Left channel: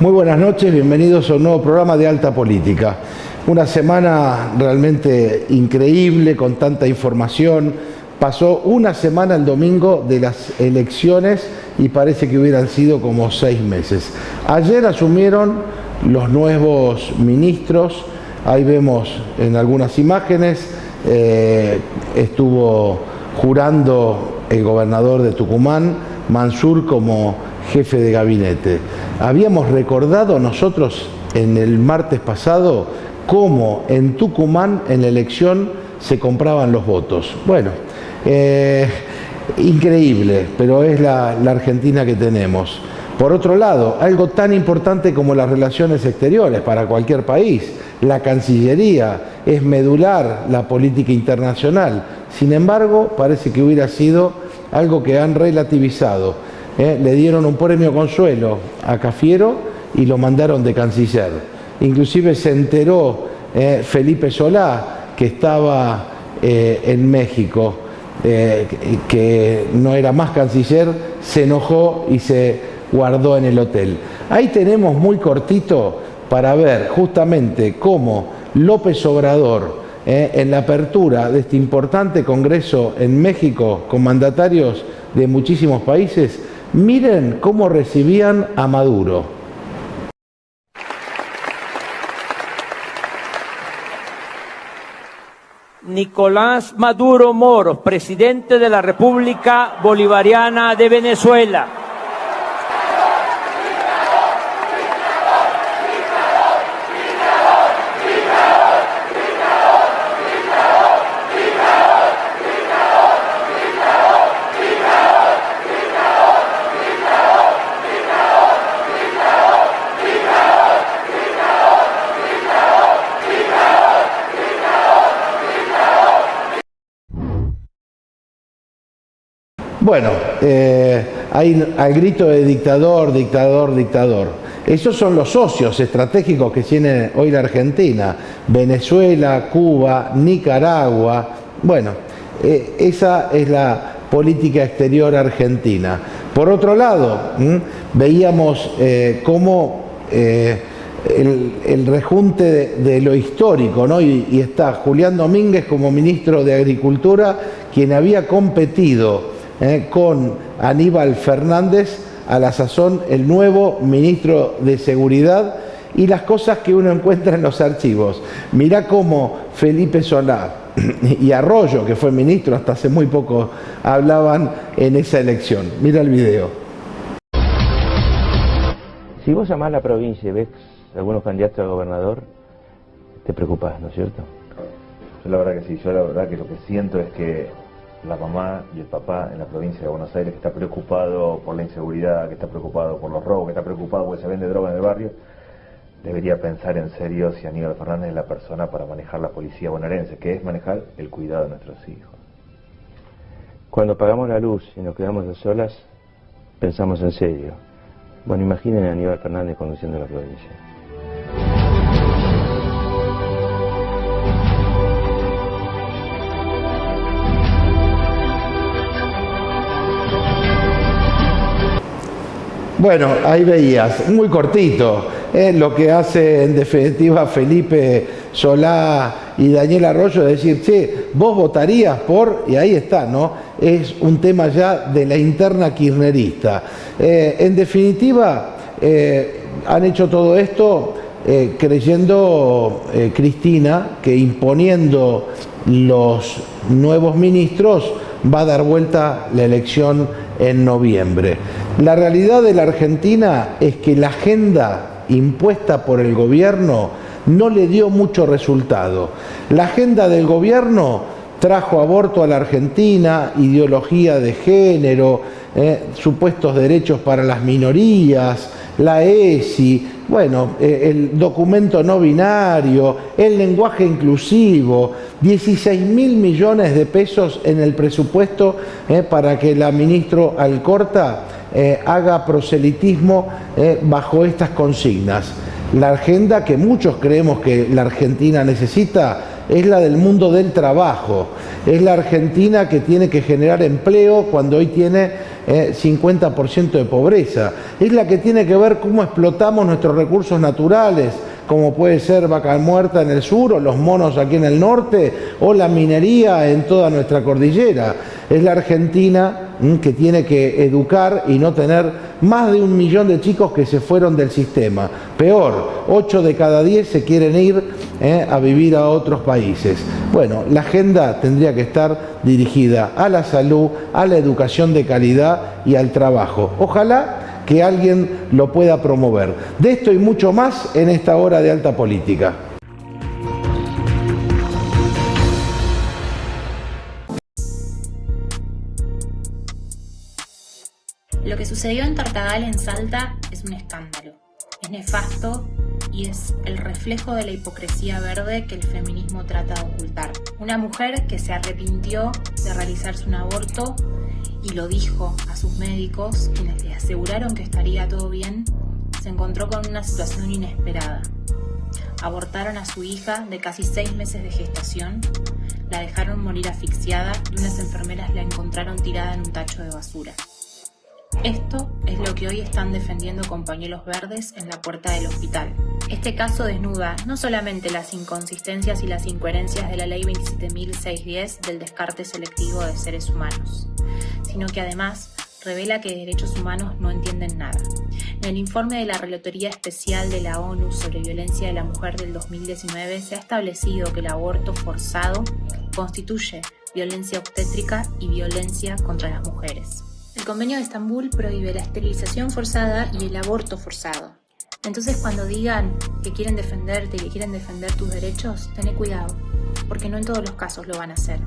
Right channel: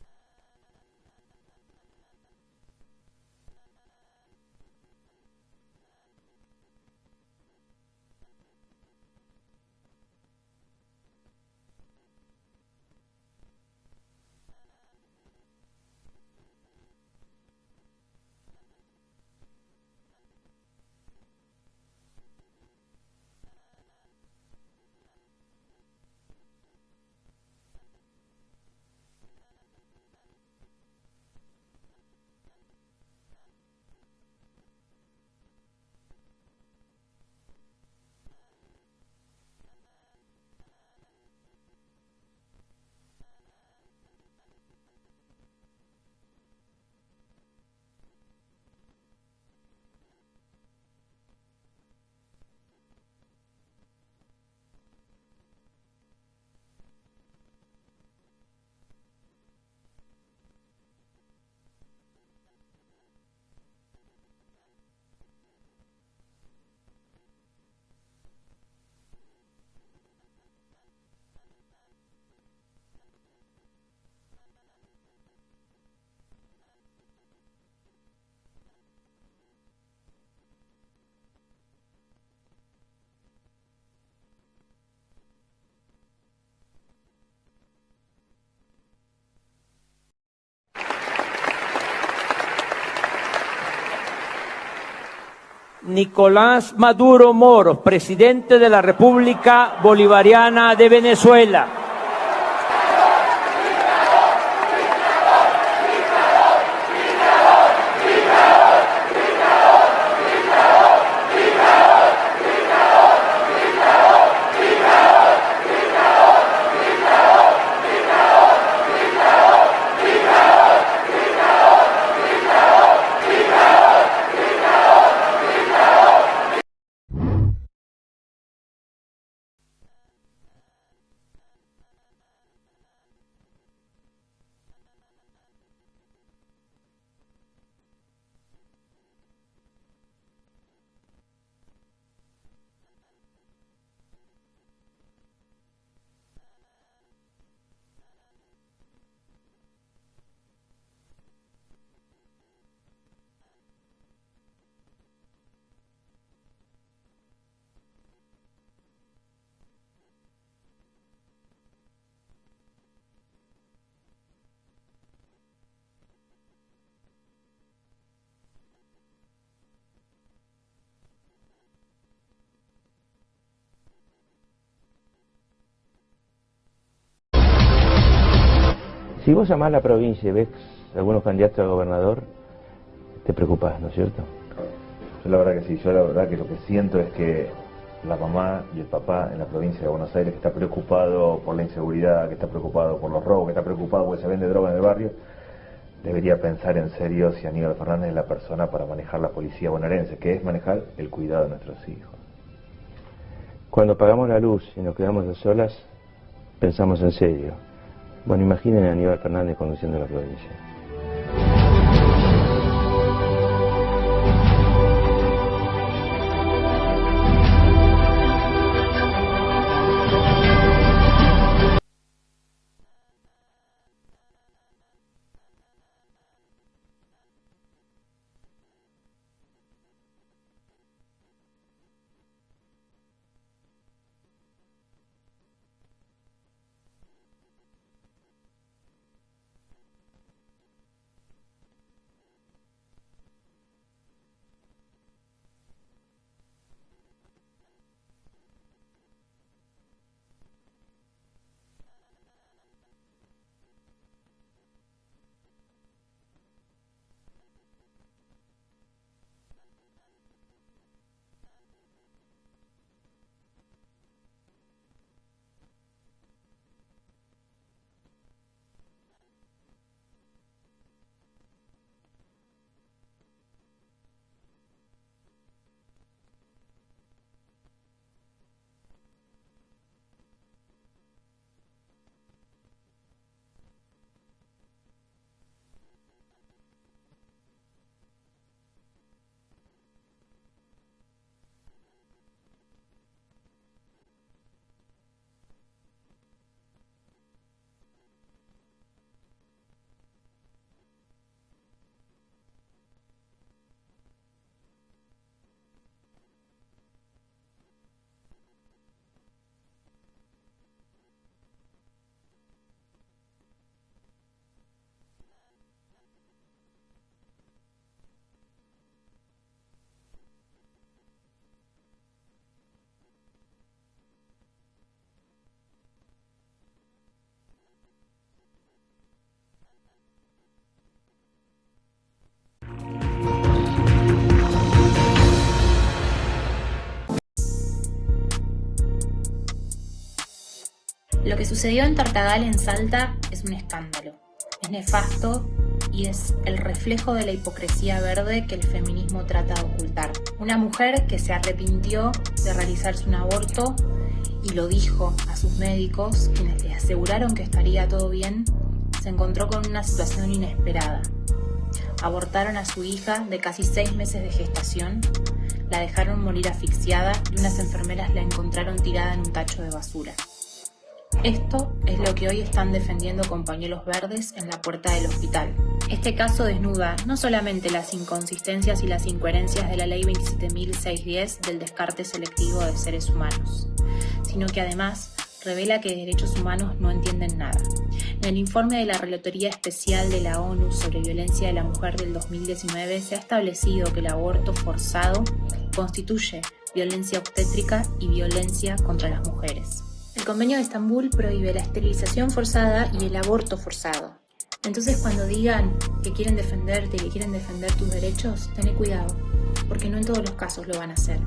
Muy buenas noches, bienvenidos a un nuevo programa de Alta Política. Una semana realmente increíble, con tanta información. Pasó una semana el domingo de las elecciones y parece que hubieran sido como 6 meses. Ayer asumieron los nuevos ministros, ahí vemos en algunas imágenes, estuvo jurando el gobernador de Tucumán, Mansur, como jefe de gabinete. Habíamos recordado nosotros en el martes pasado cómo en Tucumán en la elección se compraban los votos. Bueno, increíble, pero es la Argentina que tenemos. Por otro lado, algo tan importante como las relaciones exteriores para cualquier país, la Cancillería, es medular la política internacional. Sin embargo, parece que hubiera sido algo que han relativizado. Le dieron un premio consuelo a Cafiero y lo mandaron de canciller. Inclusive se enteró Felipe Solá, que estaba en México, que no era más canciller, se enojó y se guardó en el hotel. Ahí tenemos muy cortito para ver justamente cómo López Obrador, en la apertura de este importante congreso en México con mandatarios de muchísimos países, miren cómo recibían a Maduro. Nicolás Maduro Moros, presidente de la República Bolivariana de Venezuela. Bueno, hay al grito de dictador, dictador, dictador. Esos son los socios estratégicos que tiene hoy la Argentina. Venezuela, Cuba, Nicaragua. Bueno, esa es la política exterior argentina. Por otro lado, veíamos cómo el rejunte de lo histórico, ¿no? Y está Julián Domínguez como ministro de Agricultura, quien había competido con Aníbal Fernández, a la sazón el nuevo ministro de Seguridad, y las cosas que uno encuentra en los archivos. Mirá cómo Felipe Solá y Arroyo, que fue ministro hasta hace muy poco, hablaban en esa elección. Mira el video. Si vos llamás a la provincia y ves algunos candidatos a gobernador, te preocupás, ¿no es cierto? Yo la verdad que sí, yo la verdad que lo que siento es que la mamá y el papá en la provincia de Buenos Aires, que está preocupado por la inseguridad, que está preocupado por los robos, que está preocupado porque se vende droga en el barrio, debería pensar en serio si Aníbal Fernández es la persona para manejar la policía bonaerense, que es manejar el cuidado de nuestros hijos. Cuando apagamos la luz y nos quedamos a solas, pensamos en serio. Bueno, imaginen a Aníbal Fernández conduciendo la provincia. Bueno, ahí veías, muy cortito, lo que hace en definitiva Felipe Solá y Daniel Arroyo, es decir, che, vos votarías por, y ahí está, ¿no? Es un tema ya de la interna kirchnerista. En definitiva, han hecho todo esto creyendo, Cristina, que imponiendo los nuevos ministros va a dar vuelta la elección en noviembre. La realidad de la Argentina es que la agenda impuesta por el gobierno no le dio mucho resultado. La agenda del gobierno trajo aborto a la Argentina, ideología de género, supuestos derechos para las minorías, la ESI, bueno, el documento no binario, el lenguaje inclusivo, 16.000 millones de pesos en el presupuesto para que la ministra Alcorta haga proselitismo bajo estas consignas. La agenda que muchos creemos que la Argentina necesita es la del mundo del trabajo. Es la Argentina que tiene que generar empleo cuando hoy tiene 50% de pobreza. Es la que tiene que ver cómo explotamos nuestros recursos naturales, como puede ser Vaca Muerta en el sur, o los monos aquí en el norte, o la minería en toda nuestra cordillera. Es la Argentina que tiene que educar y no tener más de 1 millón de chicos que se fueron del sistema. Peor, 8 de cada 10 se quieren ir a vivir a otros países. Bueno, la agenda tendría que estar dirigida a la salud, a la educación de calidad y al trabajo. Ojalá que alguien lo pueda promover. De esto y mucho más en esta hora de Alta Política. Lo que sucedió en Tartagal, en Salta, es un escándalo. Es nefasto y es el reflejo de la hipocresía verde que el feminismo trata de ocultar. Una mujer que se arrepintió de realizarse un aborto y lo dijo a sus médicos, quienes le aseguraron que estaría todo bien, se encontró con una situación inesperada. Abortaron a su hija de casi 6 meses de gestación, la dejaron morir asfixiada y unas enfermeras la encontraron tirada en un tacho de basura. Esto es lo que hoy están defendiendo con pañuelos verdes en la puerta del hospital. Este caso desnuda no solamente las inconsistencias y las incoherencias de la Ley 27.610 del descarte selectivo de seres humanos, sino que además revela que de derechos humanos no entienden nada. En el informe de la Relatoría Especial de la ONU sobre Violencia de la Mujer del 2019 se ha establecido que el aborto forzado constituye violencia obstétrica y violencia contra las mujeres. El Convenio de Estambul prohíbe la esterilización forzada y el aborto forzado. Entonces, cuando digan que quieren defenderte y que quieren defender tus derechos, tené cuidado, porque no en todos los casos lo van a hacer.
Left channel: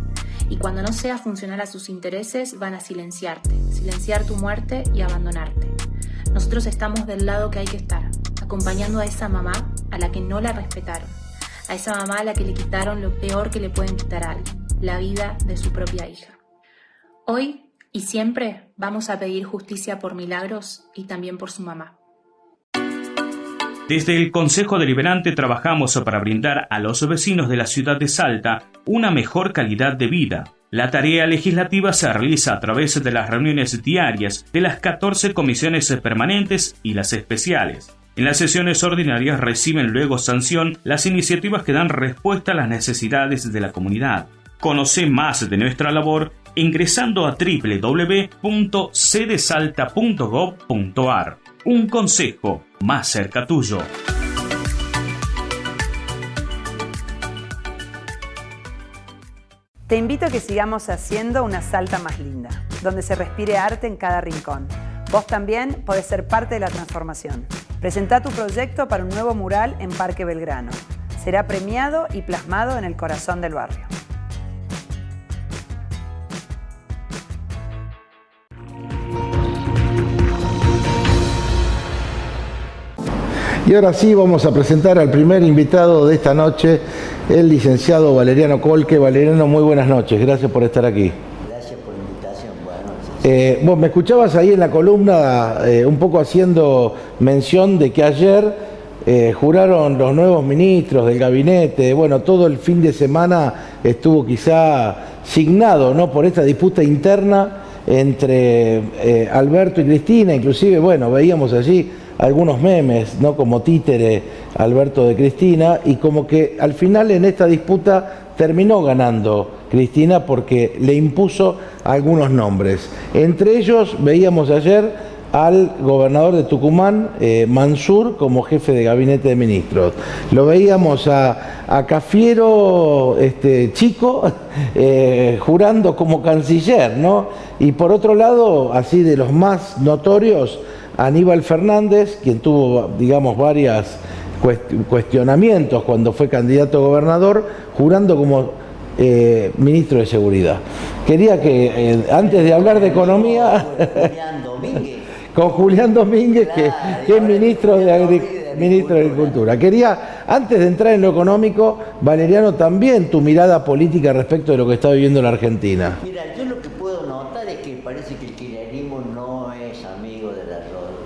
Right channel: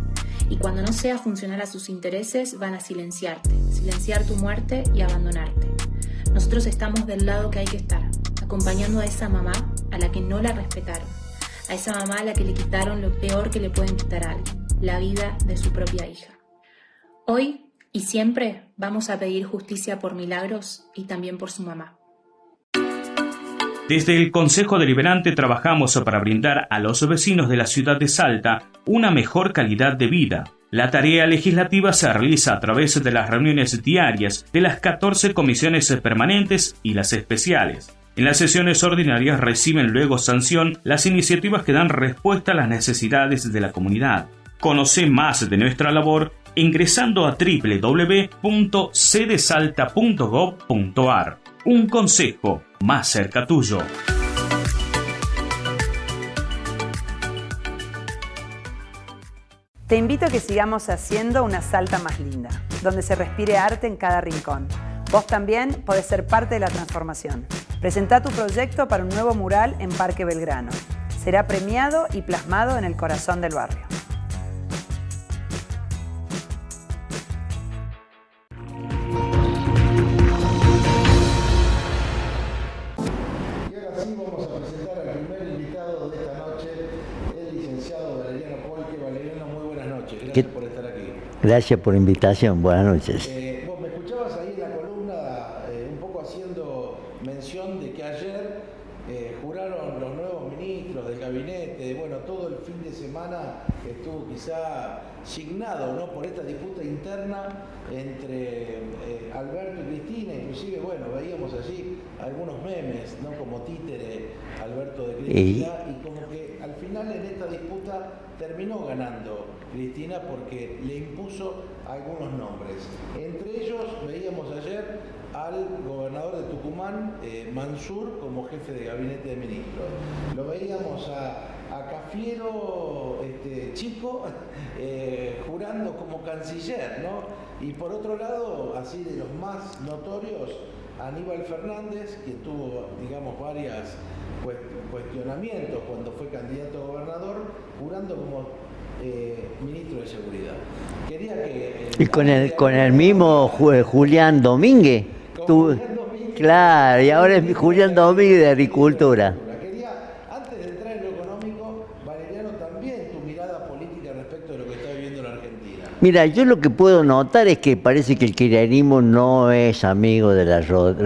Y cuando no sea funcional a sus intereses, van a silenciarte, silenciar tu muerte y abandonarte. Nosotros estamos del lado que hay que estar, acompañando a esa mamá a la que no la respetaron, a esa mamá a la que le quitaron lo peor que le pueden quitar a alguien, la vida de su propia hija. Hoy y siempre vamos a pedir justicia por Milagros y también por su mamá. Desde el Consejo Deliberante trabajamos para brindar a los vecinos de la ciudad de Salta una mejor calidad de vida. La tarea legislativa se realiza a través de las reuniones diarias de las 14 comisiones permanentes y las especiales. En las sesiones ordinarias reciben luego sanción las iniciativas que dan respuesta a las necesidades de la comunidad. Conoce más de nuestra labor ingresando a www.cdesalta.gov.ar. Un consejo más cerca tuyo. Te invito a que sigamos haciendo una Salta más linda, donde se respire arte en cada rincón. Vos también podés ser parte de la transformación. Presentá tu proyecto para un nuevo mural en Parque Belgrano. Será premiado y plasmado en el corazón del barrio. Y ahora sí vamos a presentar al primer invitado de esta noche, el licenciado Valeriano Colque. Valeriano, muy buenas noches, gracias por estar aquí. Gracias por la invitación, buenas noches. Vos me escuchabas ahí en la columna un poco haciendo mención de que ayer juraron los nuevos ministros del gabinete. Bueno, todo el fin de semana estuvo quizá signado, ¿no?, por esta disputa interna entre Alberto y Cristina. Inclusive, bueno, veíamos allí algunos memes, ¿no?, como títere Alberto de Cristina, y como que al final en esta disputa terminó ganando Cristina porque le impuso algunos nombres. Entre ellos veíamos ayer al gobernador de Tucumán, Mansur, como jefe de gabinete de ministros. Lo veíamos a Cafiero Chico jurando como canciller, ¿no? Y por otro lado, así de los más notorios, Aníbal Fernández, quien tuvo, digamos, varios cuestionamientos cuando fue candidato a gobernador, jurando como ministro de Seguridad. Quería que, antes de hablar de economía... mismo Julián Domínguez. Agricultura. Con Julián Domínguez. Claro, y fue ahora es ministro Julián Domínguez de ministro Agricultura. Quería, antes de entrar en lo económico, Valeriano, también tu mirada política respecto de lo que está viviendo la Argentina. Mira, yo lo que puedo notar es que parece que el kirchnerismo no es amigo de la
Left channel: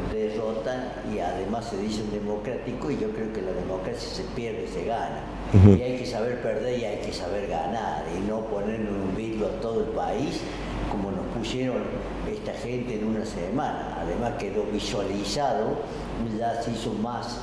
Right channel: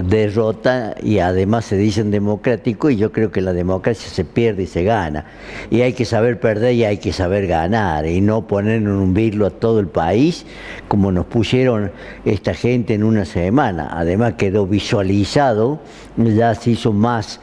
derrota y además se dicen democrático, y yo creo que la democracia se pierde y se gana. Y hay que saber perder y hay que saber ganar y no poner en un virlo a todo el país como nos pusieron esta gente en una semana. Además quedó visualizado, ya se hizo más,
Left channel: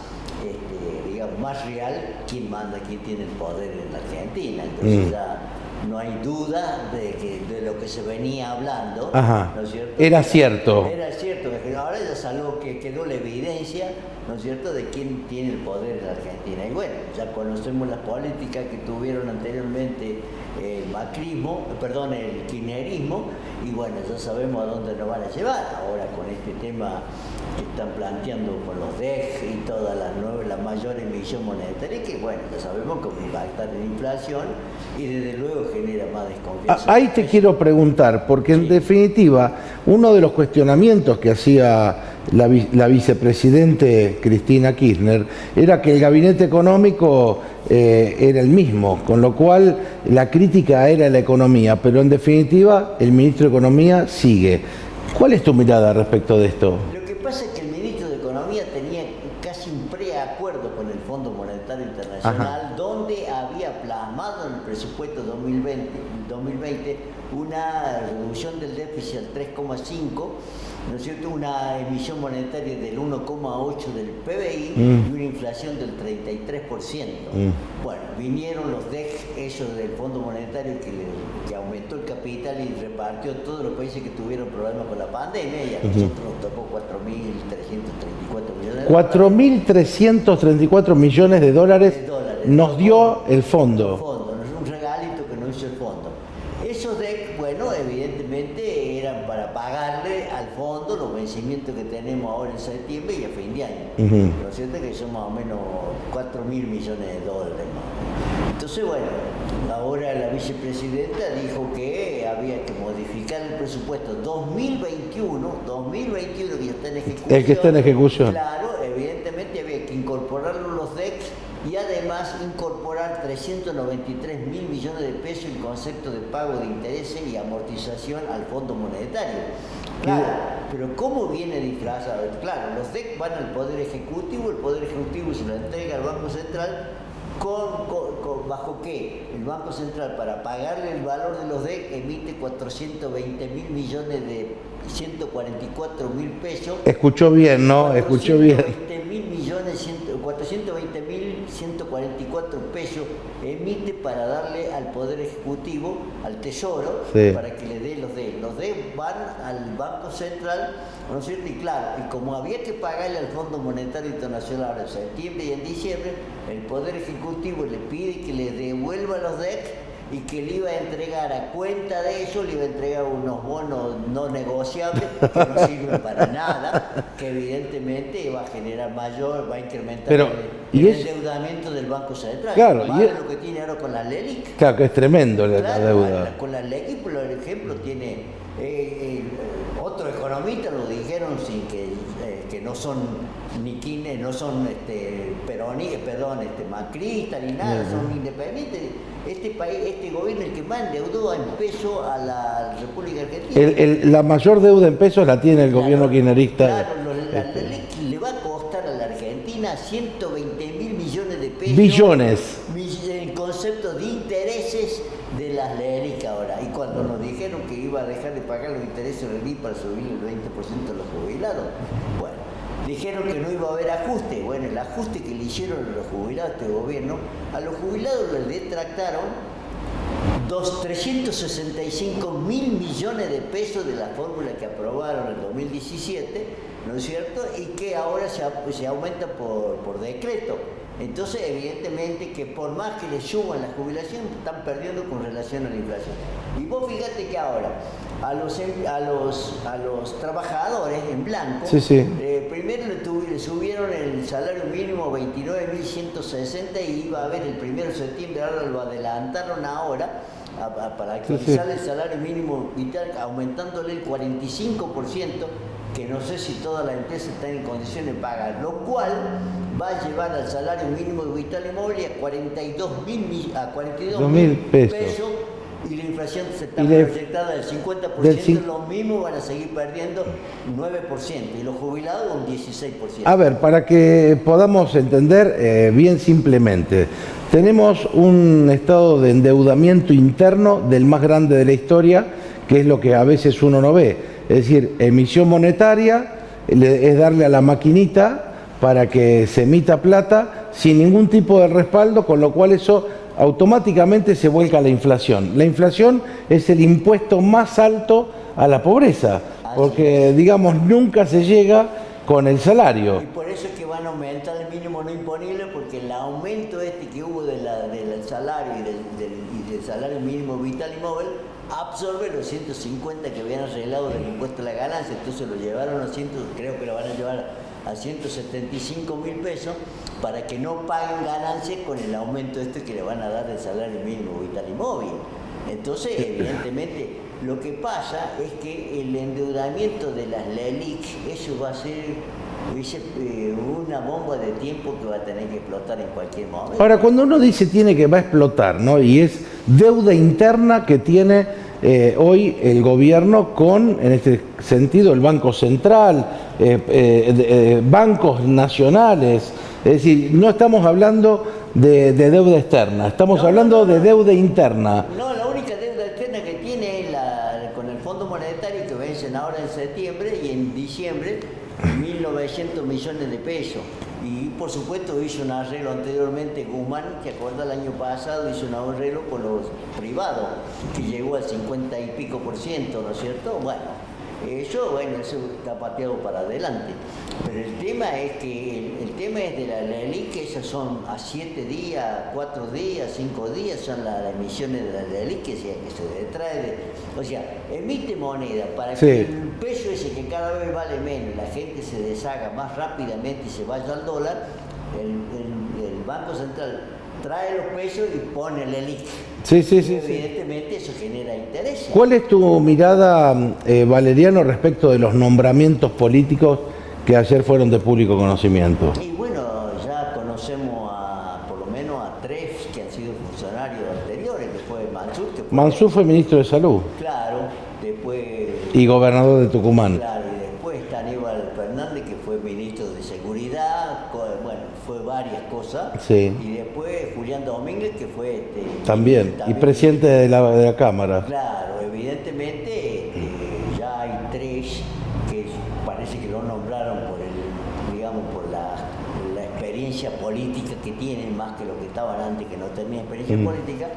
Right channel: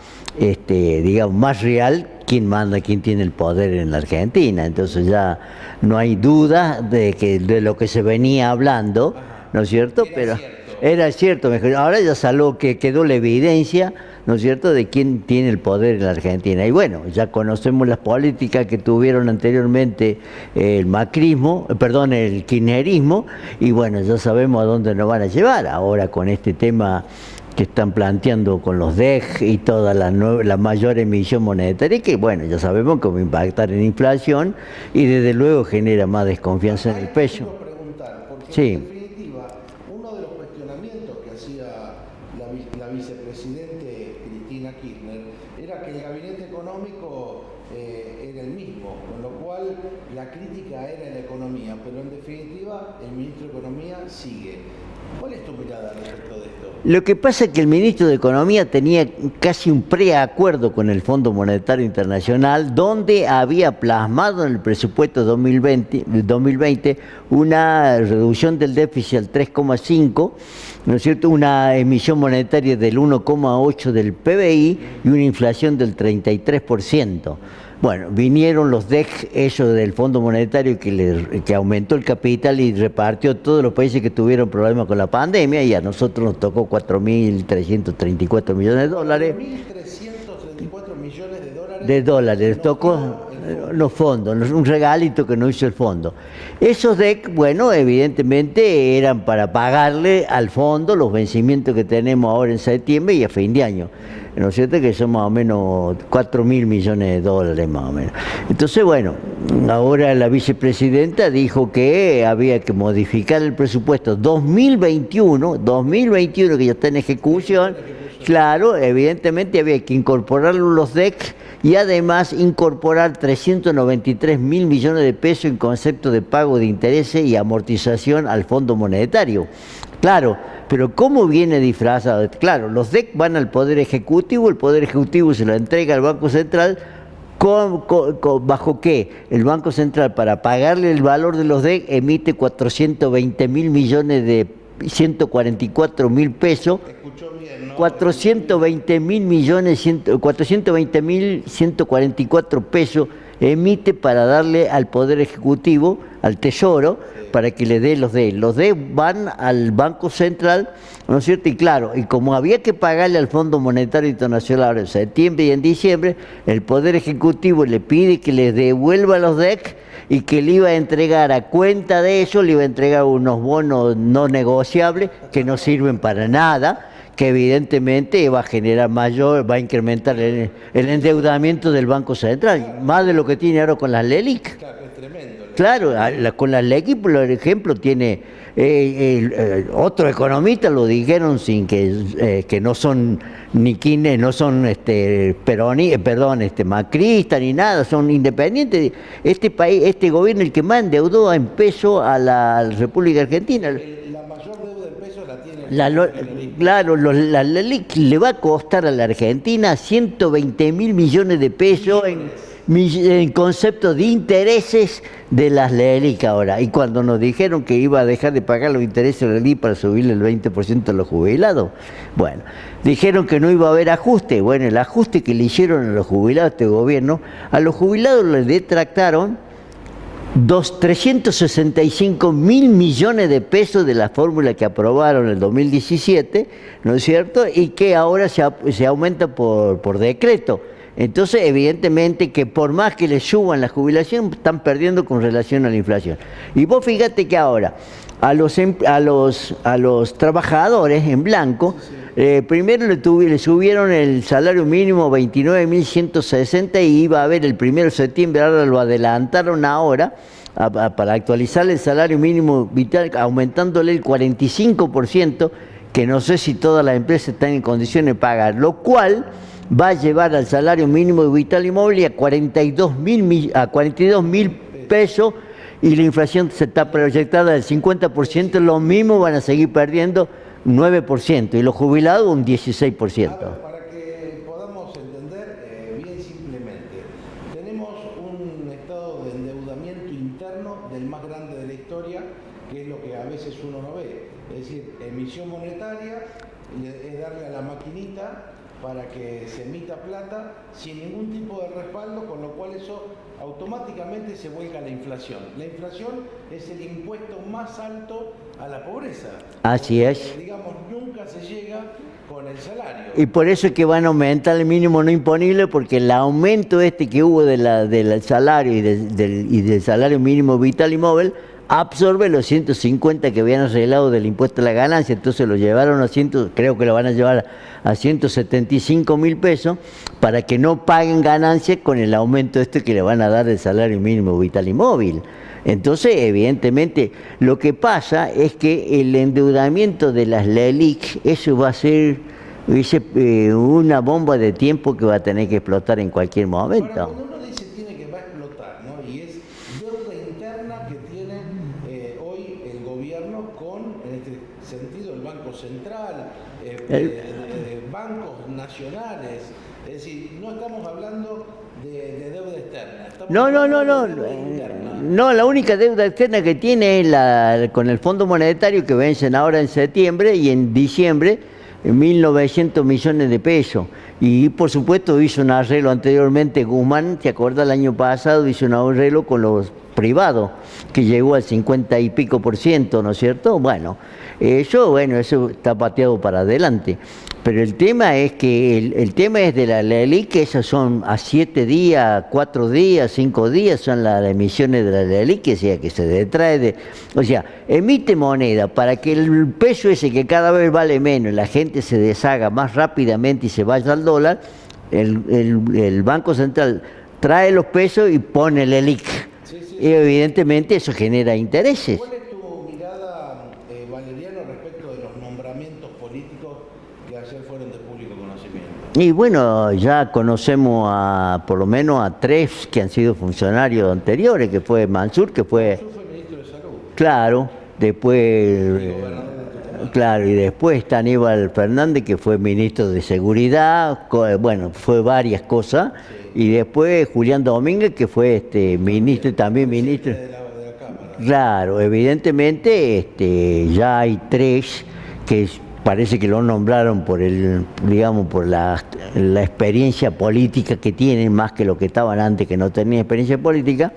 digamos, más real quién manda, quién tiene el poder en la Argentina. Entonces ya no hay duda de lo que se venía hablando, ¿no es cierto? Era cierto. Era cierto. Ahora ya quedó la evidencia, ¿no es cierto?, de quién tiene el poder en la Argentina. Y bueno, ya conocemos las políticas que tuvieron anteriormente el macrismo, perdón, el kirchnerismo, y bueno, ya sabemos a dónde nos van a llevar ahora con este tema que están planteando con los DEC y toda la mayor emisión monetaria, que bueno, ya sabemos cómo impactar en inflación y desde luego genera más desconfianza. Ahí te quiero preguntar, porque en definitiva, uno de los cuestionamientos que hacía la vicepresidente Cristina Kirchner era que el gabinete económico era el mismo, con lo cual la crítica era la economía, pero en definitiva el ministro de Economía sigue. ¿Cuál es tu mirada respecto de esto? Lo que pasa es que el ministro de Economía tenía casi un preacuerdo con el Fondo Monetario Internacional, donde había plasmado en el presupuesto 2020 una reducción del déficit al 3,5%, ¿no es cierto?, una emisión monetaria del 1,8% del PBI y una inflación del 33%. Bueno, vinieron los DEC, ellos del Fondo Monetario, que aumentó el capital y repartió a todos los países que tuvieron problemas con la pandemia, y a nosotros nos tocó 4.334 millones de dólares. 4.334 millones de dólares nos dio el fondo. Los fondos, un regalito que nos hizo el fondo. Esos DEC, bueno, evidentemente eran para pagarle al fondo los vencimientos que tenemos ahora en septiembre y a fin de año. ¿No es cierto? Que son más o menos 4.000 millones de dólares más o menos. Entonces, bueno, ahora la vicepresidenta dijo que había que modificar el presupuesto 2021 que ya está en ejecución. El que está en ejecución. Claro, evidentemente había que incorporar los DEC y además incorporar 393.000 millones de pesos en concepto de pago de intereses y amortización al Fondo Monetario. Claro, pero ¿cómo viene disfrazado? Claro, los DEC van al Poder Ejecutivo, el Poder Ejecutivo se lo entrega al Banco Central. ¿Bajo qué? El Banco Central, para pagarle el valor de los DEC, emite 420.000 millones de 144.000 pesos. Escuchó bien, ¿no? 420.000 millones, 420.144 pesos emite para darle al Poder Ejecutivo, al Tesoro, para que le dé los DEC. Los DEC van al Banco Central, ¿no es cierto? Y claro, y como había que pagarle al Fondo Monetario Internacional ahora en septiembre y en diciembre, el Poder Ejecutivo le pide que les devuelva los DEC y que le iba a entregar a cuenta de eso, le iba a entregar unos bonos no negociables que no sirven para nada, que evidentemente va a generar va a incrementar el endeudamiento del Banco Central, claro, más de lo que tiene ahora con las LELIC. Claro, que es tremendo. Claro, con las LELIC, por ejemplo, tiene otro economista lo dijeron sin que no son ni quienes no son macristas ni nada, son independientes. Este país, este gobierno, el que más endeudó en peso a la República Argentina. La mayor deuda en pesos la tiene el gobierno kirchnerista. Claro, la LELIC le va a costar a la Argentina 120.000 millones de pesos. Billones. En concepto de intereses de las LELIC ahora. Y cuando nos dijeron que iba a dejar de pagar los intereses de la LELIC para subirle el 20% a los jubilados, bueno, dijeron que no iba a haber ajuste. Bueno, el ajuste que le hicieron a los jubilados este gobierno, a los jubilados les detractaron 365.000 millones de pesos de la fórmula que aprobaron en el 2017, ¿no es cierto? Y que ahora se aumenta por decreto. Entonces, evidentemente que por más que les suban la jubilación, están perdiendo con relación a la inflación. Y vos fíjate que ahora a los trabajadores en blanco, primero le subieron el salario mínimo 29.160 y iba a haber el 1 de septiembre, ahora lo adelantaron ahora para actualizar el salario mínimo vital, aumentándole el 45%, que no sé si todas las empresas están en condiciones de pagar, lo cual va a llevar al salario mínimo vital y móvil a 42.000 pesos, y la inflación se está proyectada del 50%, los mismos van a seguir perdiendo 9% y los jubilados un 16%. A ver, para que podamos entender bien simplemente, tenemos un estado de endeudamiento interno del más grande de la historia, que es lo que a veces uno no ve. Es decir, emisión monetaria es darle a la maquinita para que se emita plata sin ningún tipo de respaldo, con lo cual eso automáticamente se vuelca a la inflación. La inflación es el impuesto más alto a la pobreza, porque digamos nunca se llega con el salario. Y por eso es que van a aumentar el mínimo no imponible, porque el aumento que hubo del salario y del salario mínimo vital y móvil absorbe los 150 que habían arreglado del impuesto a la ganancia, entonces lo llevaron a creo que lo van a llevar a 175.000 pesos, para que no paguen ganancias con el aumento que le van a dar del salario mínimo vital y móvil. Entonces, evidentemente, lo que pasa es que el endeudamiento de las LELIQ, eso va a ser una bomba de tiempo que va a tener que explotar en cualquier momento. Ahora, cuando uno dice que va a explotar, ¿no? Y es deuda interna que tiene hoy el gobierno con, en este sentido, el Banco Central, bancos nacionales. Es decir, no estamos hablando de deuda externa, estamos hablando de deuda interna. No, la única deuda externa que tiene es con el Fondo Monetario, que vencen ahora en septiembre, y en diciembre 1.900 millones de pesos. Y por supuesto hizo un arreglo anteriormente, Guzmán, ¿te acuerdas? El año pasado hizo un arreglo con los privados, que llegó al 50 y pico %, ¿no es cierto? Eso está pateado para adelante. Pero el tema es que el tema es de la LELIQ, que esas son a 7 días, 4 días, 5 días, son las emisiones de la LELIQ, que se detrae emite moneda para que el peso ese que cada vez vale menos, la gente se deshaga más rápidamente y se vaya al dólar. El Banco Central trae los pesos y pone el LELIQ. Y evidentemente eso genera intereses. ¿Cuál es tu mirada, Valeriano, respecto de los nombramientos políticos que ayer fueron de público conocimiento? Y bueno, ya conocemos por lo menos a 3 que han sido funcionarios anteriores, que fue Mansur, Mansur fue ministro de Salud. Claro, después... Y gobernador de Tucumán. Claro, y después está Aníbal Fernández, que fue ministro de Seguridad, fue varias cosas. Sí. Y después Julián Domínguez, que fue ministro también. Y presidente de la Cámara. Claro, evidentemente ya hay 3 que parece que lo nombraron por la experiencia política que tienen, más que lo que estaban antes, que no tenían experiencia política,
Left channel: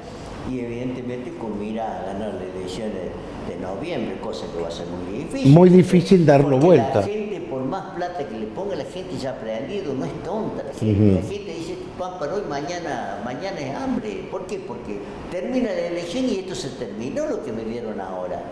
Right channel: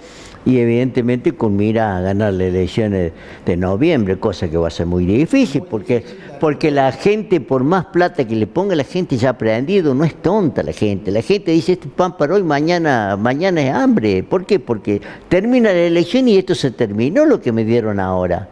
y evidentemente con mira a ganar las elecciones de noviembre, cosa que va a ser muy difícil. Difícil darlo porque vuelta. La gente, por más plata que le ponga, la gente ya ha aprendido, no es tonta la gente. La gente dice, este pan para hoy, mañana es hambre. ¿Por qué? Porque termina la elección y esto se terminó, lo que me dieron ahora.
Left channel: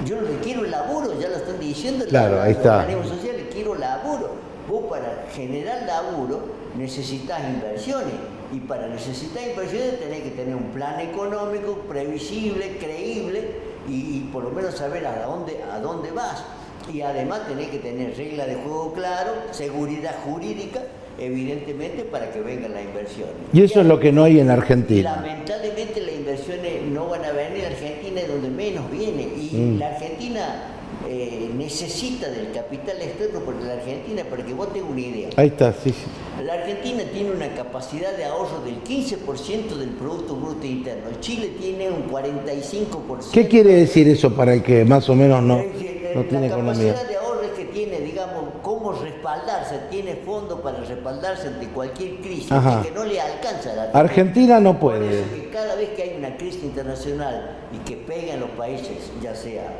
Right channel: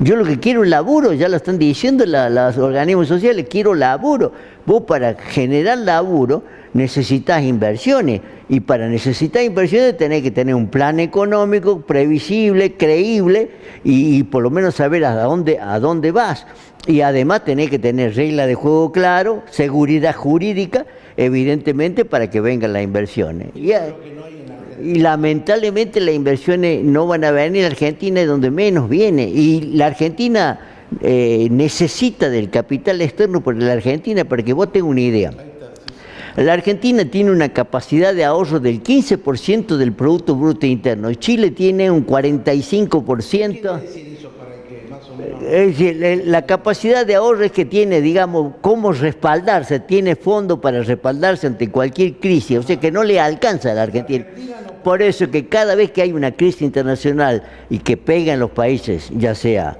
Yo lo que quiero es laburo, ya lo están diciendo los organismos sociales, quiero laburo. Vos para generar laburo necesitas inversiones, y para necesitar inversiones tenés que tener un plan económico previsible, creíble, y por lo menos saber a dónde vas. Y además tenés que tener reglas de juego claro, seguridad jurídica, evidentemente, para que vengan las inversiones. Y eso es lo que no hay en Argentina. Y lamentablemente las inversiones no van a venir. Argentina es donde menos viene. Y la Argentina necesita del capital externo, porque la Argentina, para que vos tengas una idea. Ahí está, sí. La Argentina tiene una capacidad de ahorro del 15% del Producto Bruto Interno. Chile tiene un 45%. ¿Qué quiere decir eso para el que más o menos no? Es decir, la capacidad de ahorro es que tiene, cómo respaldarse, tiene fondo para respaldarse ante cualquier crisis. O sea que no le alcanza a la Argentina. Argentina no puede. Por eso que cada vez que hay una crisis internacional y que pega en los países, ya sea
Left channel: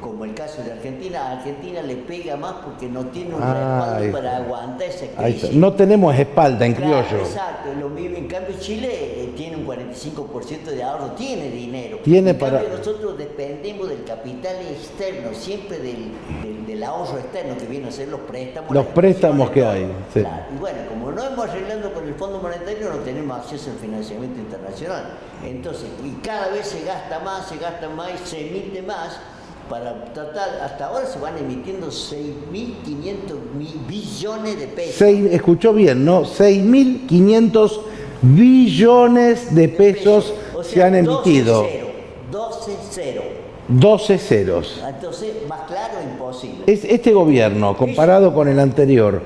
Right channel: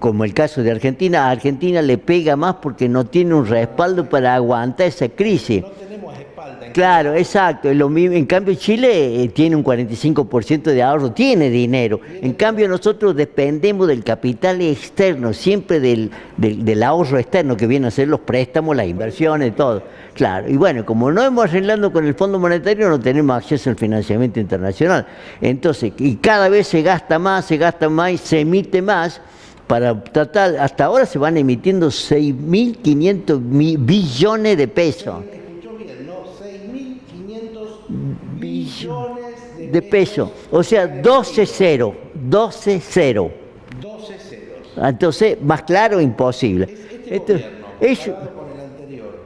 como el caso de Argentina, a Argentina le pega más porque no tiene un respaldo para aguantar esa crisis. No tenemos espalda en Claro, criollo. exacto. En cambio Chile tiene un 45% de ahorro, tiene dinero. En cambio nosotros dependemos del capital externo, siempre del ahorro externo, que vienen a ser los préstamos, las inversiones, todo. Claro. Y bueno, como no hemos arreglado con el Fondo Monetario, no tenemos acceso al financiamiento internacional. Entonces, y cada vez se gasta más, se emite más, para tratar, hasta ahora se van emitiendo 6.500 billones de pesos. Escuchó bien, ¿no? 6.500 billones de pesos. O sea, se han emitido. 12 ceros. Entonces, más claro, imposible. Este gobierno, comparado con el anterior,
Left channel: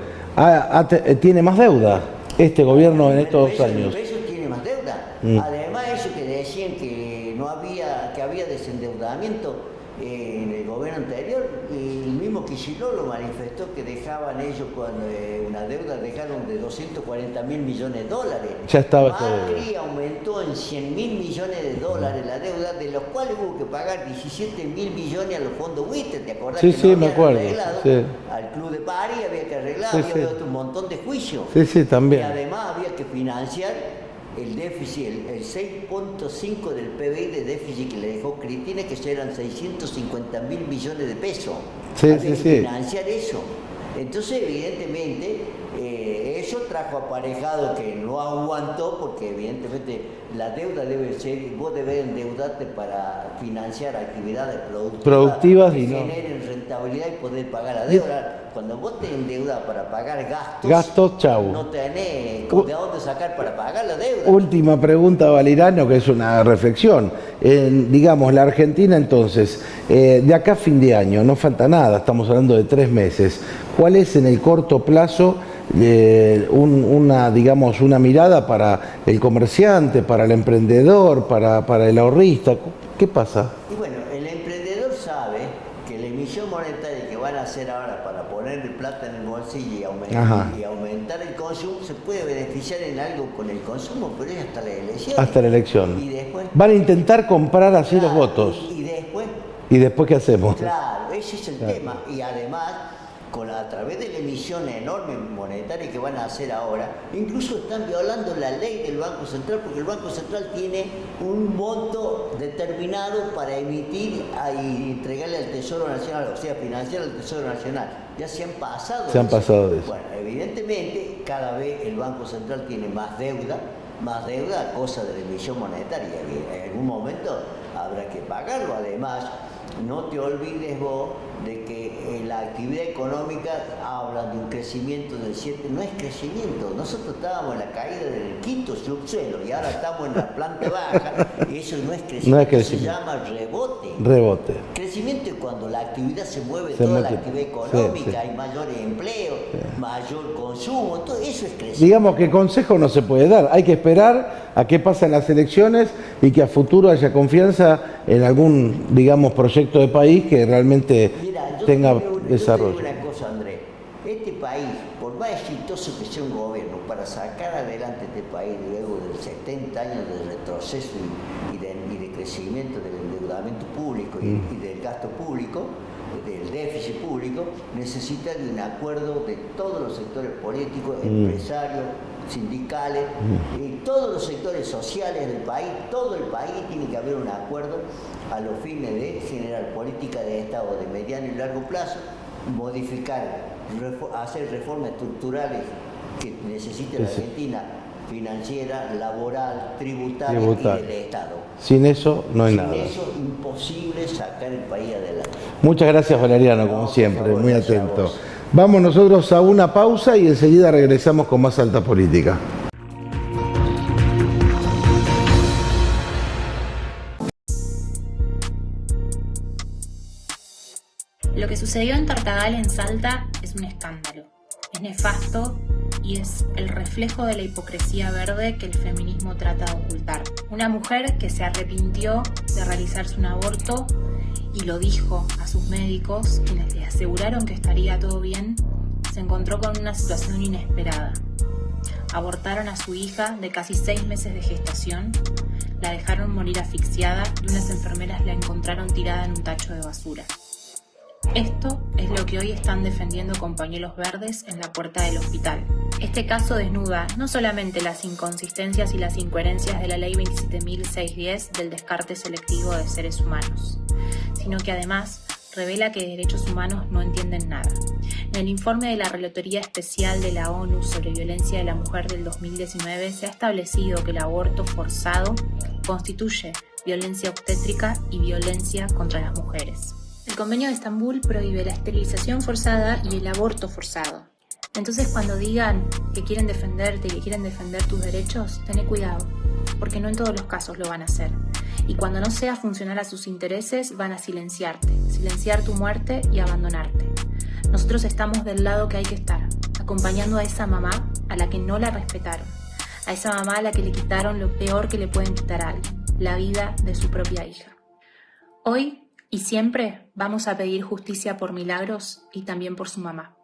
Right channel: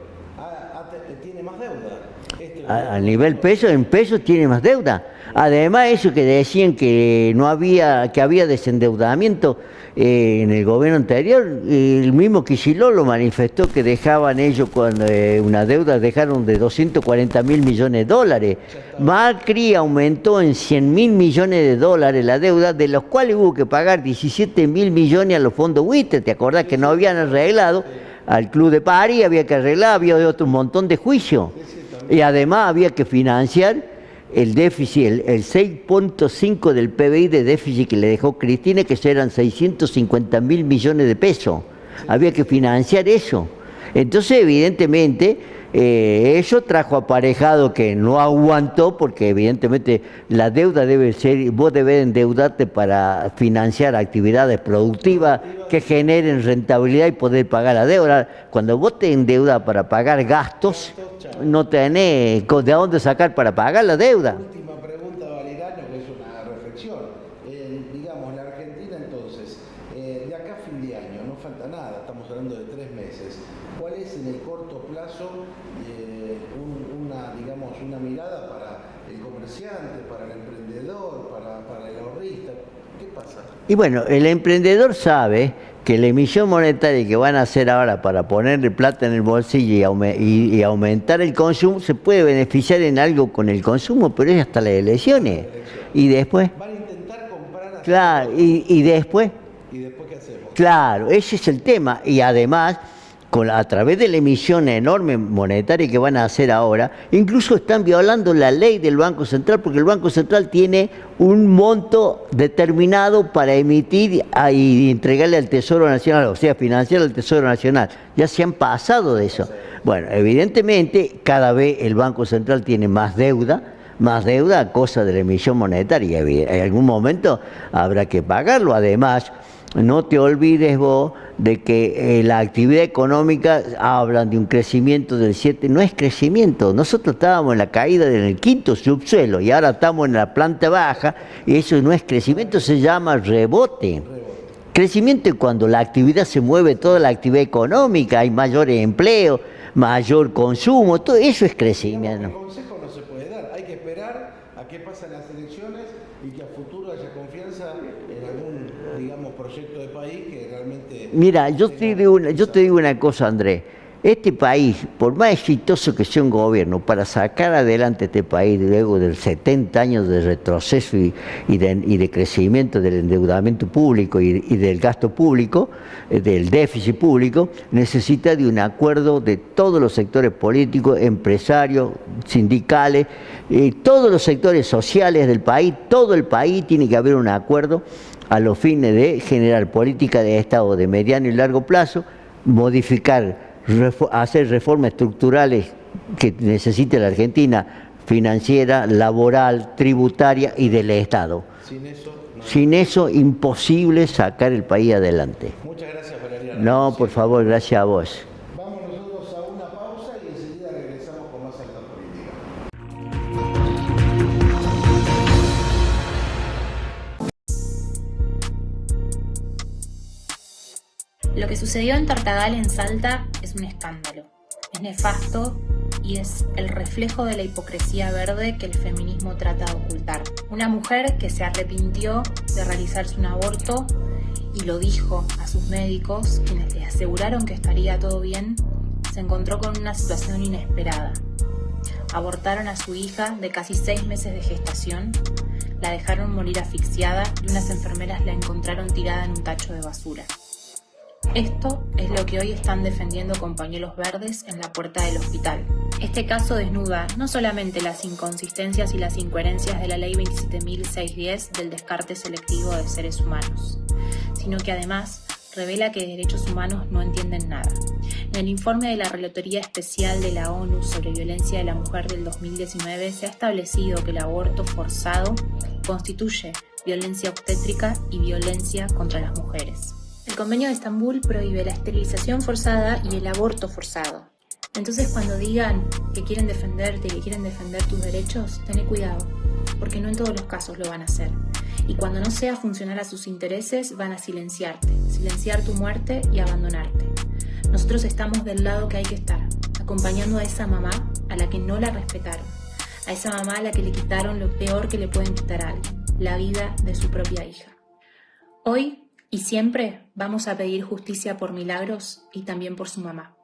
¿tiene más deuda? Este gobierno a nivel peso, en pesos tiene más deuda. Además, eso que decían que no había, que había desendeudamiento en el gobierno anterior, el mismo Kicillof lo manifestó, que dejaban ellos cuando una deuda, dejaron de 240.000 millones de dólares. Macri aumentó en 100.000 millones de dólares la deuda, de los cuales hubo que pagar 17.000 millones a los fondos buitre. ¿Te acordás que no habían arreglado? Al Club de París había que arreglar, había otro montón de juicios. También. Y además había que financiar el déficit, el 6.5 del PBI de déficit que le dejó Cristina, que eran 650.000 millones de pesos. Había que financiar eso. Entonces, evidentemente, eso trajo aparejado que no aguantó, porque evidentemente la deuda debe ser, vos debés endeudarte para financiar actividades productivas que generen rentabilidad y poder pagar la deuda. Cuando vos te endeudas para pagar gastos, no tenés de dónde sacar para pagar la deuda. Última pregunta, Valeriano, que es una reflexión. Digamos, la Argentina entonces, de acá a fin de año, no falta nada, estamos hablando de 3 meses. ¿Cuál es en el corto plazo una mirada para el comerciante, para el emprendedor, para el ahorrista? ¿Qué pasa? Y bueno, el emprendedor sabe que la emisión monetaria que van a hacer ahora para ponerle plata en el bolsillo y aumentar el consumo, se puede beneficiar en algo con el consumo, pero es hasta las elecciones. Hasta la elección. Y después van a intentar comprar así los votos. Y después. ¿Y después qué hacemos? Claro, ese es el tema. Y además, a través de la emisión enorme monetaria que van a hacer ahora, incluso están violando la ley del Banco Central, porque el Banco Central tiene un monto determinado para emitir y entregarle al Tesoro Nacional, o sea, financiar al Tesoro Nacional. Ya se han pasado de eso. Bueno, evidentemente, cada vez el Banco Central tiene más deuda a cosa de la emisión monetaria. En algún momento habrá que pagarlo. Además, no te olvides vos de que la actividad económica, hablan de un crecimiento del 7%, no es crecimiento. Nosotros estábamos en la caída del 5º subsuelo y ahora estamos en la planta baja, y eso no es crecimiento, se llama rebote. Crecimiento es cuando la actividad se mueve, la actividad económica, hay mayor empleo, mayor consumo, todo eso es crecimiento. Digamos que consejo no se puede dar, hay que esperar a qué pasan las elecciones y que a futuro haya confianza en algún, proyecto de país que realmente... Mira, yo te digo una cosa, Andrés. Este país, por más exitoso que sea un gobierno, para sacar adelante este país luego de 70 años de retroceso y de crecimiento del endeudamiento público y del gasto público, del déficit público, necesita de un acuerdo de todos los sectores políticos, empresarios, sindicales, todos los sectores sociales del país. Todo el país tiene que haber un acuerdo a los fines de generar política de Estado de mediano y largo plazo, hacer reformas estructurales que necesite la Argentina, financiera, laboral, tributaria y del Estado. Sin eso no hay nada. Sin eso, imposible sacar el país adelante. Muchas gracias, Valeriano. No, por favor, gracias a vos. Vamos nosotros a una pausa y enseguida regresamos con más Alta Política. Lo que sucedió en Tartagal, en Salta, es un escándalo. Es nefasto y es el reflejo de la hipocresía verde que el feminismo trata de ocultar. Una mujer que se arrepintió de realizarse un aborto y lo dijo a sus médicos, quienes le aseguraron que estaría todo bien, se encontró con una situación inesperada. Abortaron a su hija de casi 6 meses de gestación, la dejaron morir asfixiada y unas enfermeras la encontraron tirada en un tacho de basura. Esto es lo que hoy están defendiendo con pañuelos verdes en la puerta del hospital. Este caso desnuda no solamente las inconsistencias y las incoherencias de la Ley 27.610 del descarte selectivo de seres humanos, sino que además revela que de derechos humanos no entienden nada. En el informe de la Relatoría Especial de la ONU sobre Violencia de la Mujer del 2019 se ha establecido que el aborto forzado constituye violencia obstétrica y violencia contra las mujeres. El Convenio de Estambul prohíbe la esterilización forzada y el aborto forzado. Entonces, cuando digan que quieren defenderte y que quieren defender tus derechos, tené cuidado, porque no en todos los casos lo van a hacer. Y cuando no sea funcional a sus intereses, van a silenciarte, silenciar tu muerte y abandonarte. Nosotros estamos del lado que hay que estar, acompañando a esa mamá a la que no la respetaron, a esa mamá a la que le quitaron lo peor que le pueden quitar a alguien, la vida de su propia hija. Hoy y siempre vamos a pedir justicia por Milagros y también por su mamá.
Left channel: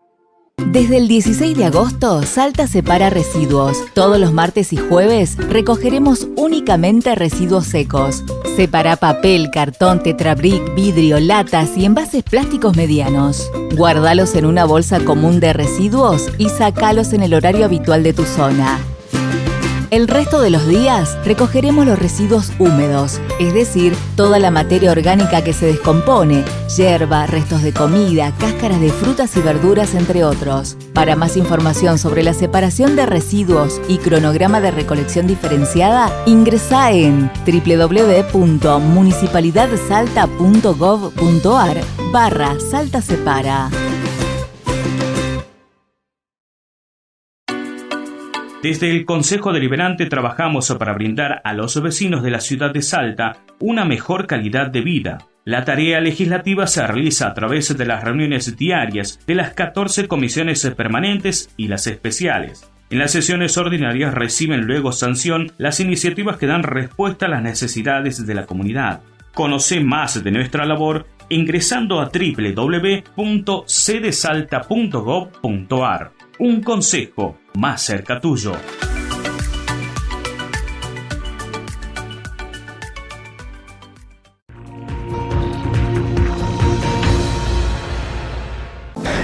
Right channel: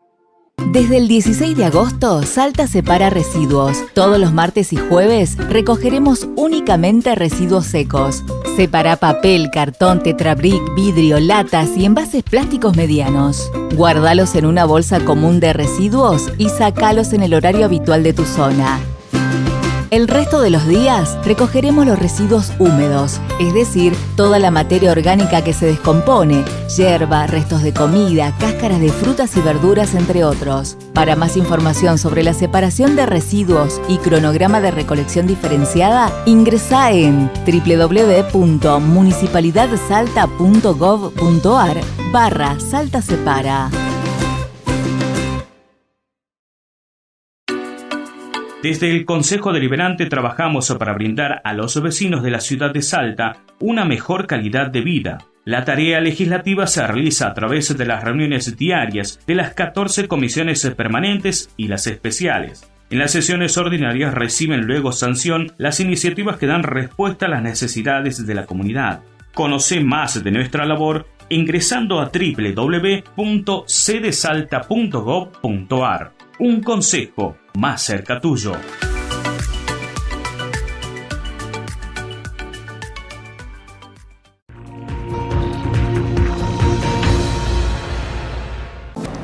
Desde el 16 de agosto, Salta separa residuos. Todos los martes y jueves recogeremos únicamente residuos secos. Separa papel, cartón, tetrabric, vidrio, latas y envases plásticos medianos. Guárdalos en una bolsa común de residuos y sacalos en el horario habitual de tu zona. El resto de los días recogeremos los residuos húmedos, es decir, toda la materia orgánica que se descompone, yerba, restos de comida, cáscaras de frutas y verduras, entre otros. Para más información sobre la separación de residuos y cronograma de recolección diferenciada, ingresá en www.municipalidadsalta.gov.ar/Salta Separa. Desde el Consejo Deliberante trabajamos para brindar a los vecinos de la ciudad de Salta una mejor calidad de vida. La tarea legislativa se realiza a través de las reuniones diarias de las 14 comisiones permanentes y las especiales. En las sesiones ordinarias reciben luego sanción las iniciativas que dan respuesta a las necesidades de la comunidad. Conoce más de nuestra labor ingresando a www.cdesalta.gov.ar. Un consejo más cerca tuyo.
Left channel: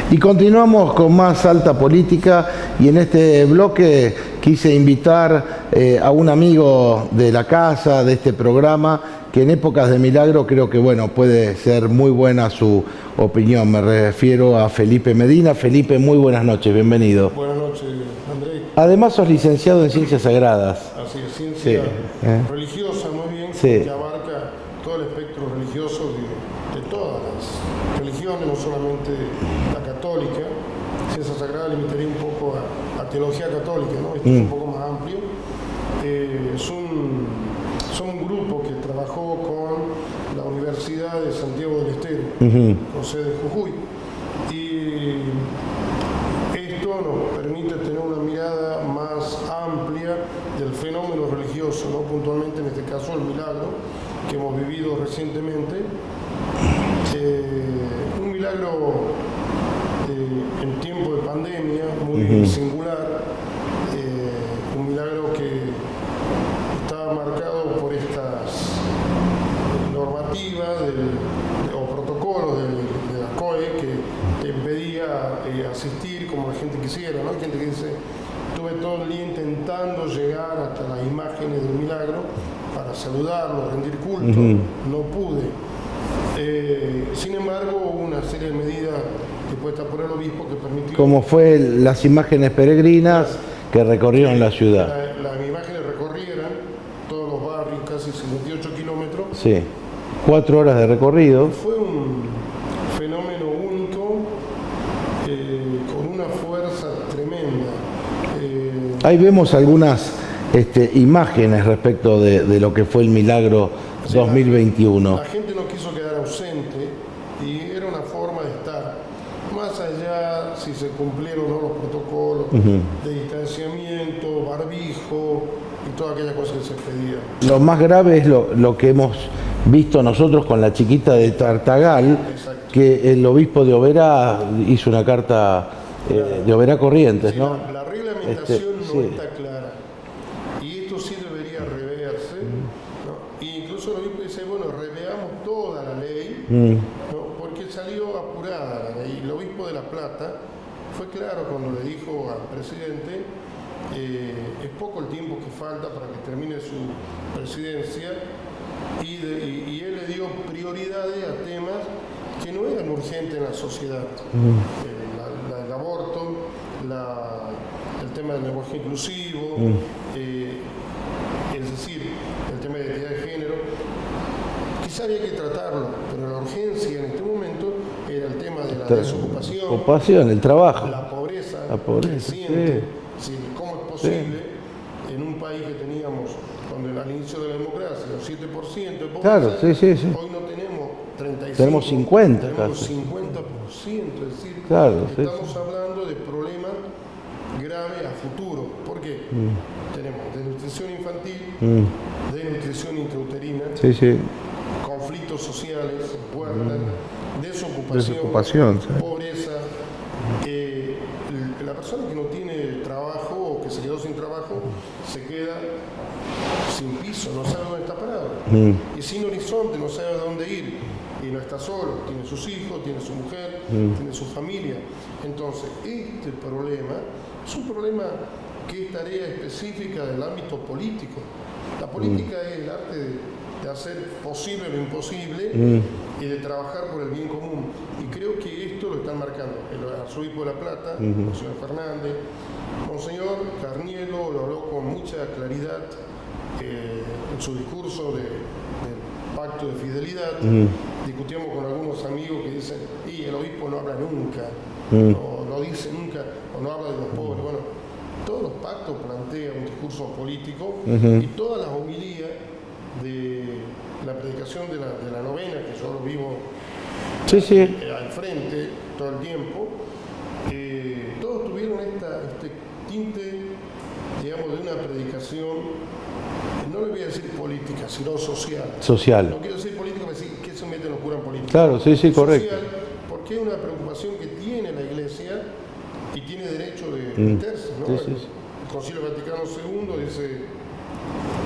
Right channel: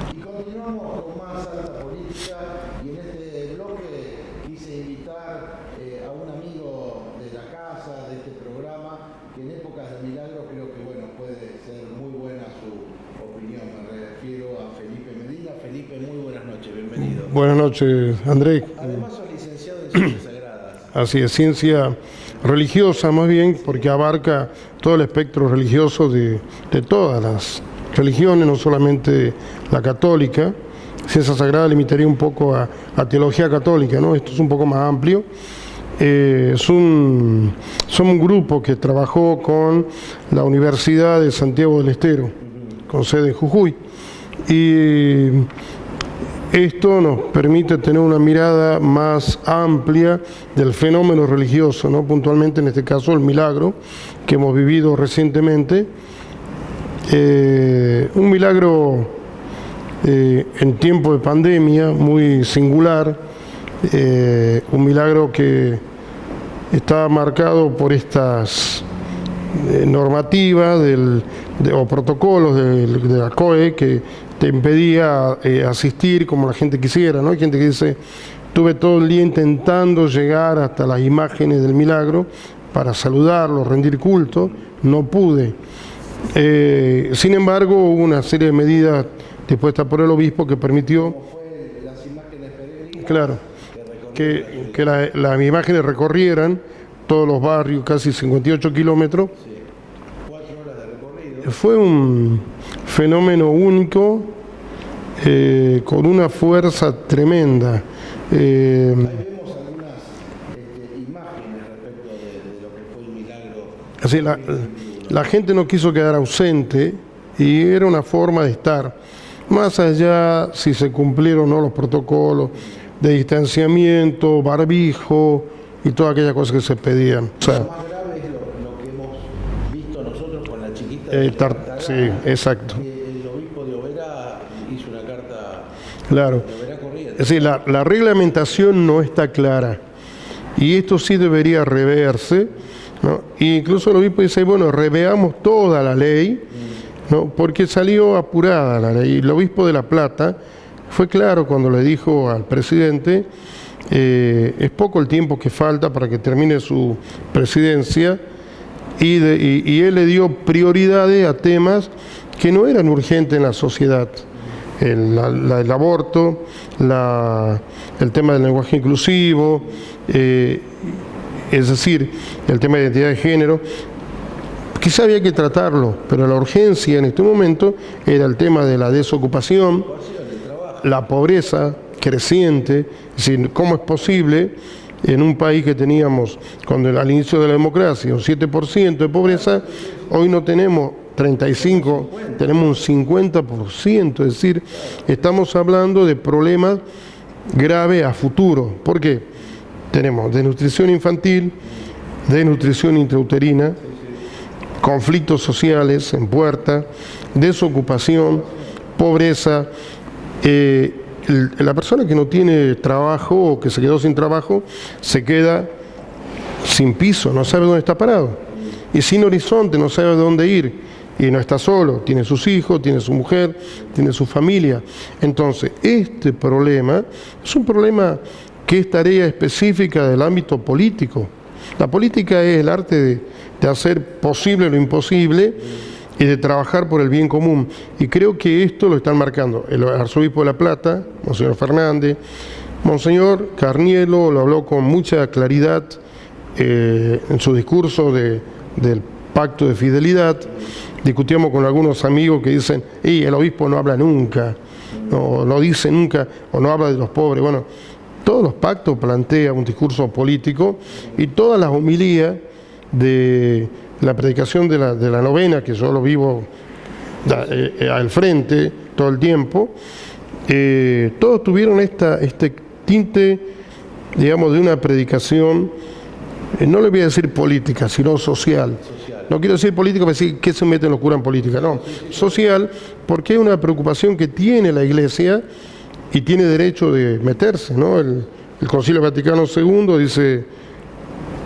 Y continuamos con más Salta Política, y en este bloque quise invitar a un amigo de la casa, de este programa, que en épocas de milagro creo que puede ser muy buena su opinión. Me refiero a Felipe Medina. Felipe, muy buenas noches, bienvenido. Buenas noches, Andrés. Además sos licenciado en Ciencias Sagradas. Así es, ciencia religiosa más bien, porque abarca todo el espectro religioso de todas las religiones, no solamente la católica. Ciencia Sagrada limitaría un poco a teología católica, ¿no? Esto es un poco más amplio. Somos un grupo que trabajó con la Universidad de Santiago del Estero, con sede en Jujuy, y esto nos permite tener una mirada más amplia del fenómeno religioso, ¿no? Puntualmente en este caso el milagro que hemos vivido recientemente, un milagro en tiempo de pandemia muy singular, un milagro que está marcado por estas normativas o protocolos de la COE que te impedía asistir como la gente quisiera, ¿no? Hay gente que dice, estuve todo el día intentando llegar hasta las imágenes del milagro para saludarlo, rendir culto, no pude. Sin embargo, hubo una serie de medidas dispuestas por el obispo que permitió... Como fue las imágenes peregrinas, claro, que recorrieron la ciudad. Que las imágenes recorrieran todos los barrios, casi 58 kilómetros. Sí, 4 horas de recorrido. Fue un fenómeno único, con una fuerza tremenda. Ahí vemos algunas imágenes respecto de lo que fue el milagro 2021. La gente no quiso quedar ausente y era una forma de estar. Más allá si se cumplieron o no los protocolos de distanciamiento, barbijo y todas aquellas cosas que se pedían. Lo más grave es lo que hemos visto nosotros con la chiquita de Tartagal, que el obispo de Oberá hizo una carta de Oberá Corrientes. Es decir, ¿no? la reglamentación no está clara y esto sí debería reverse, ¿no? Y incluso el obispo dice, bueno, reveamos toda la ley, ¿no? Porque salió apurada la ley. El obispo de La Plata fue claro cuando le dijo al presidente, es poco el tiempo que falta para que termine su presidencia, y él le dio prioridades a temas que no eran urgentes en la sociedad. El aborto, el tema del lenguaje inclusivo, es decir, el tema de identidad de género, quizá había que tratarlo, pero la urgencia en este momento era el tema de la desocupación, el trabajo, la pobreza creciente. Es decir, ¿cómo es posible en un país que teníamos al inicio de la democracia un 7% de pobreza, hoy no tenemos 35, tenemos un 50%, es decir, estamos hablando de problemas graves a futuro. ¿Por qué? Tenemos desnutrición infantil, desnutrición intrauterina, conflictos sociales en puerta, desocupación, pobreza. La persona que no tiene trabajo o que se quedó sin trabajo se queda sin piso, no sabe dónde está parado y sin horizonte, no sabe dónde ir y no está solo, tiene sus hijos, tiene su mujer, tiene su familia. Entonces, este problema es un problema que es tarea específica del ámbito político. La política es el arte de hacer posible lo imposible y de trabajar por el bien común. Y creo que esto lo están marcando el arzobispo de La Plata, Monseñor Fernández, Monseñor Carnielo lo habló con mucha claridad en su discurso del pacto de fidelidad. Discutíamos con algunos amigos que dicen, el obispo no habla nunca, no dice nunca, o no habla de los pobres. Bueno, todos los pactos plantean un discurso político y todas las homilías de la predicación de la novena, que yo lo vivo al frente todo el tiempo, todos tuvieron este tinte, digamos, de una predicación, no le voy a decir política, sino social. No quiero decir política para decir que se meten los curas en política, social, porque es una preocupación que tiene la Iglesia y tiene derecho de meterse, ¿no? El Concilio Vaticano II dice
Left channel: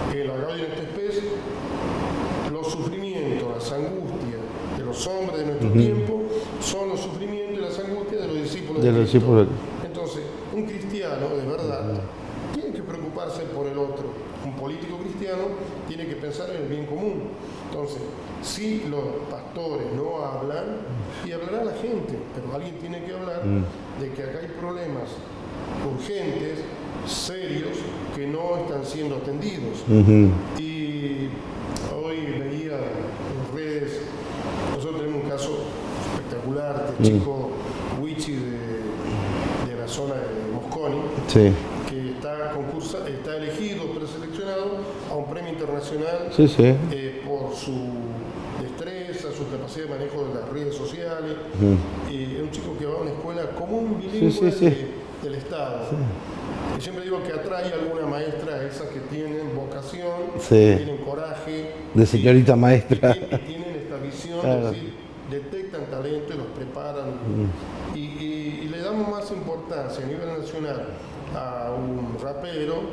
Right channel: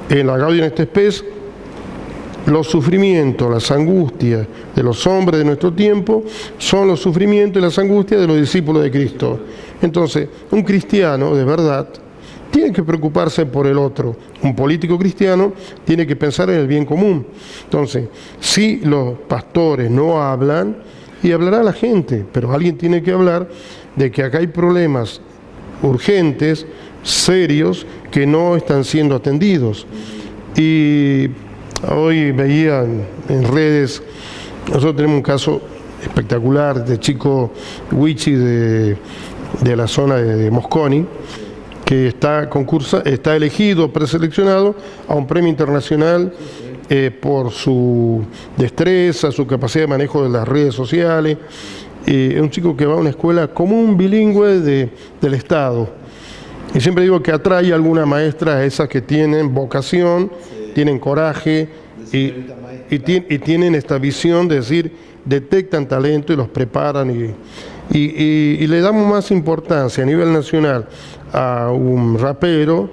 en la Gaudium et Spes: los sufrimientos, las angustias de los hombres de nuestro tiempo son los sufrimientos y las angustias de los discípulos de Cristo. Entonces, un cristiano de verdad tiene que preocuparse por el otro. Un político cristiano tiene que pensar en el bien común. Entonces, si los pastores no hablan, y hablará la gente, pero alguien tiene que hablar de que acá hay problemas urgentes, serios, que no están siendo atendidos. Y hoy veía en redes, nosotros tenemos un caso espectacular de chico Wichi de la zona de Mosconi, que está elegido, preseleccionado a un premio internacional por su destreza, su capacidad de manejo de las redes sociales. Es un chico que va a una escuela común bilingüe del Estado. Y siempre digo que atrae a alguna maestra, a esas que tienen vocación, tienen coraje, de señorita maestra, y tienen esta visión de decir, detectan talento y los preparan, y le damos más importancia a nivel nacional a un rapero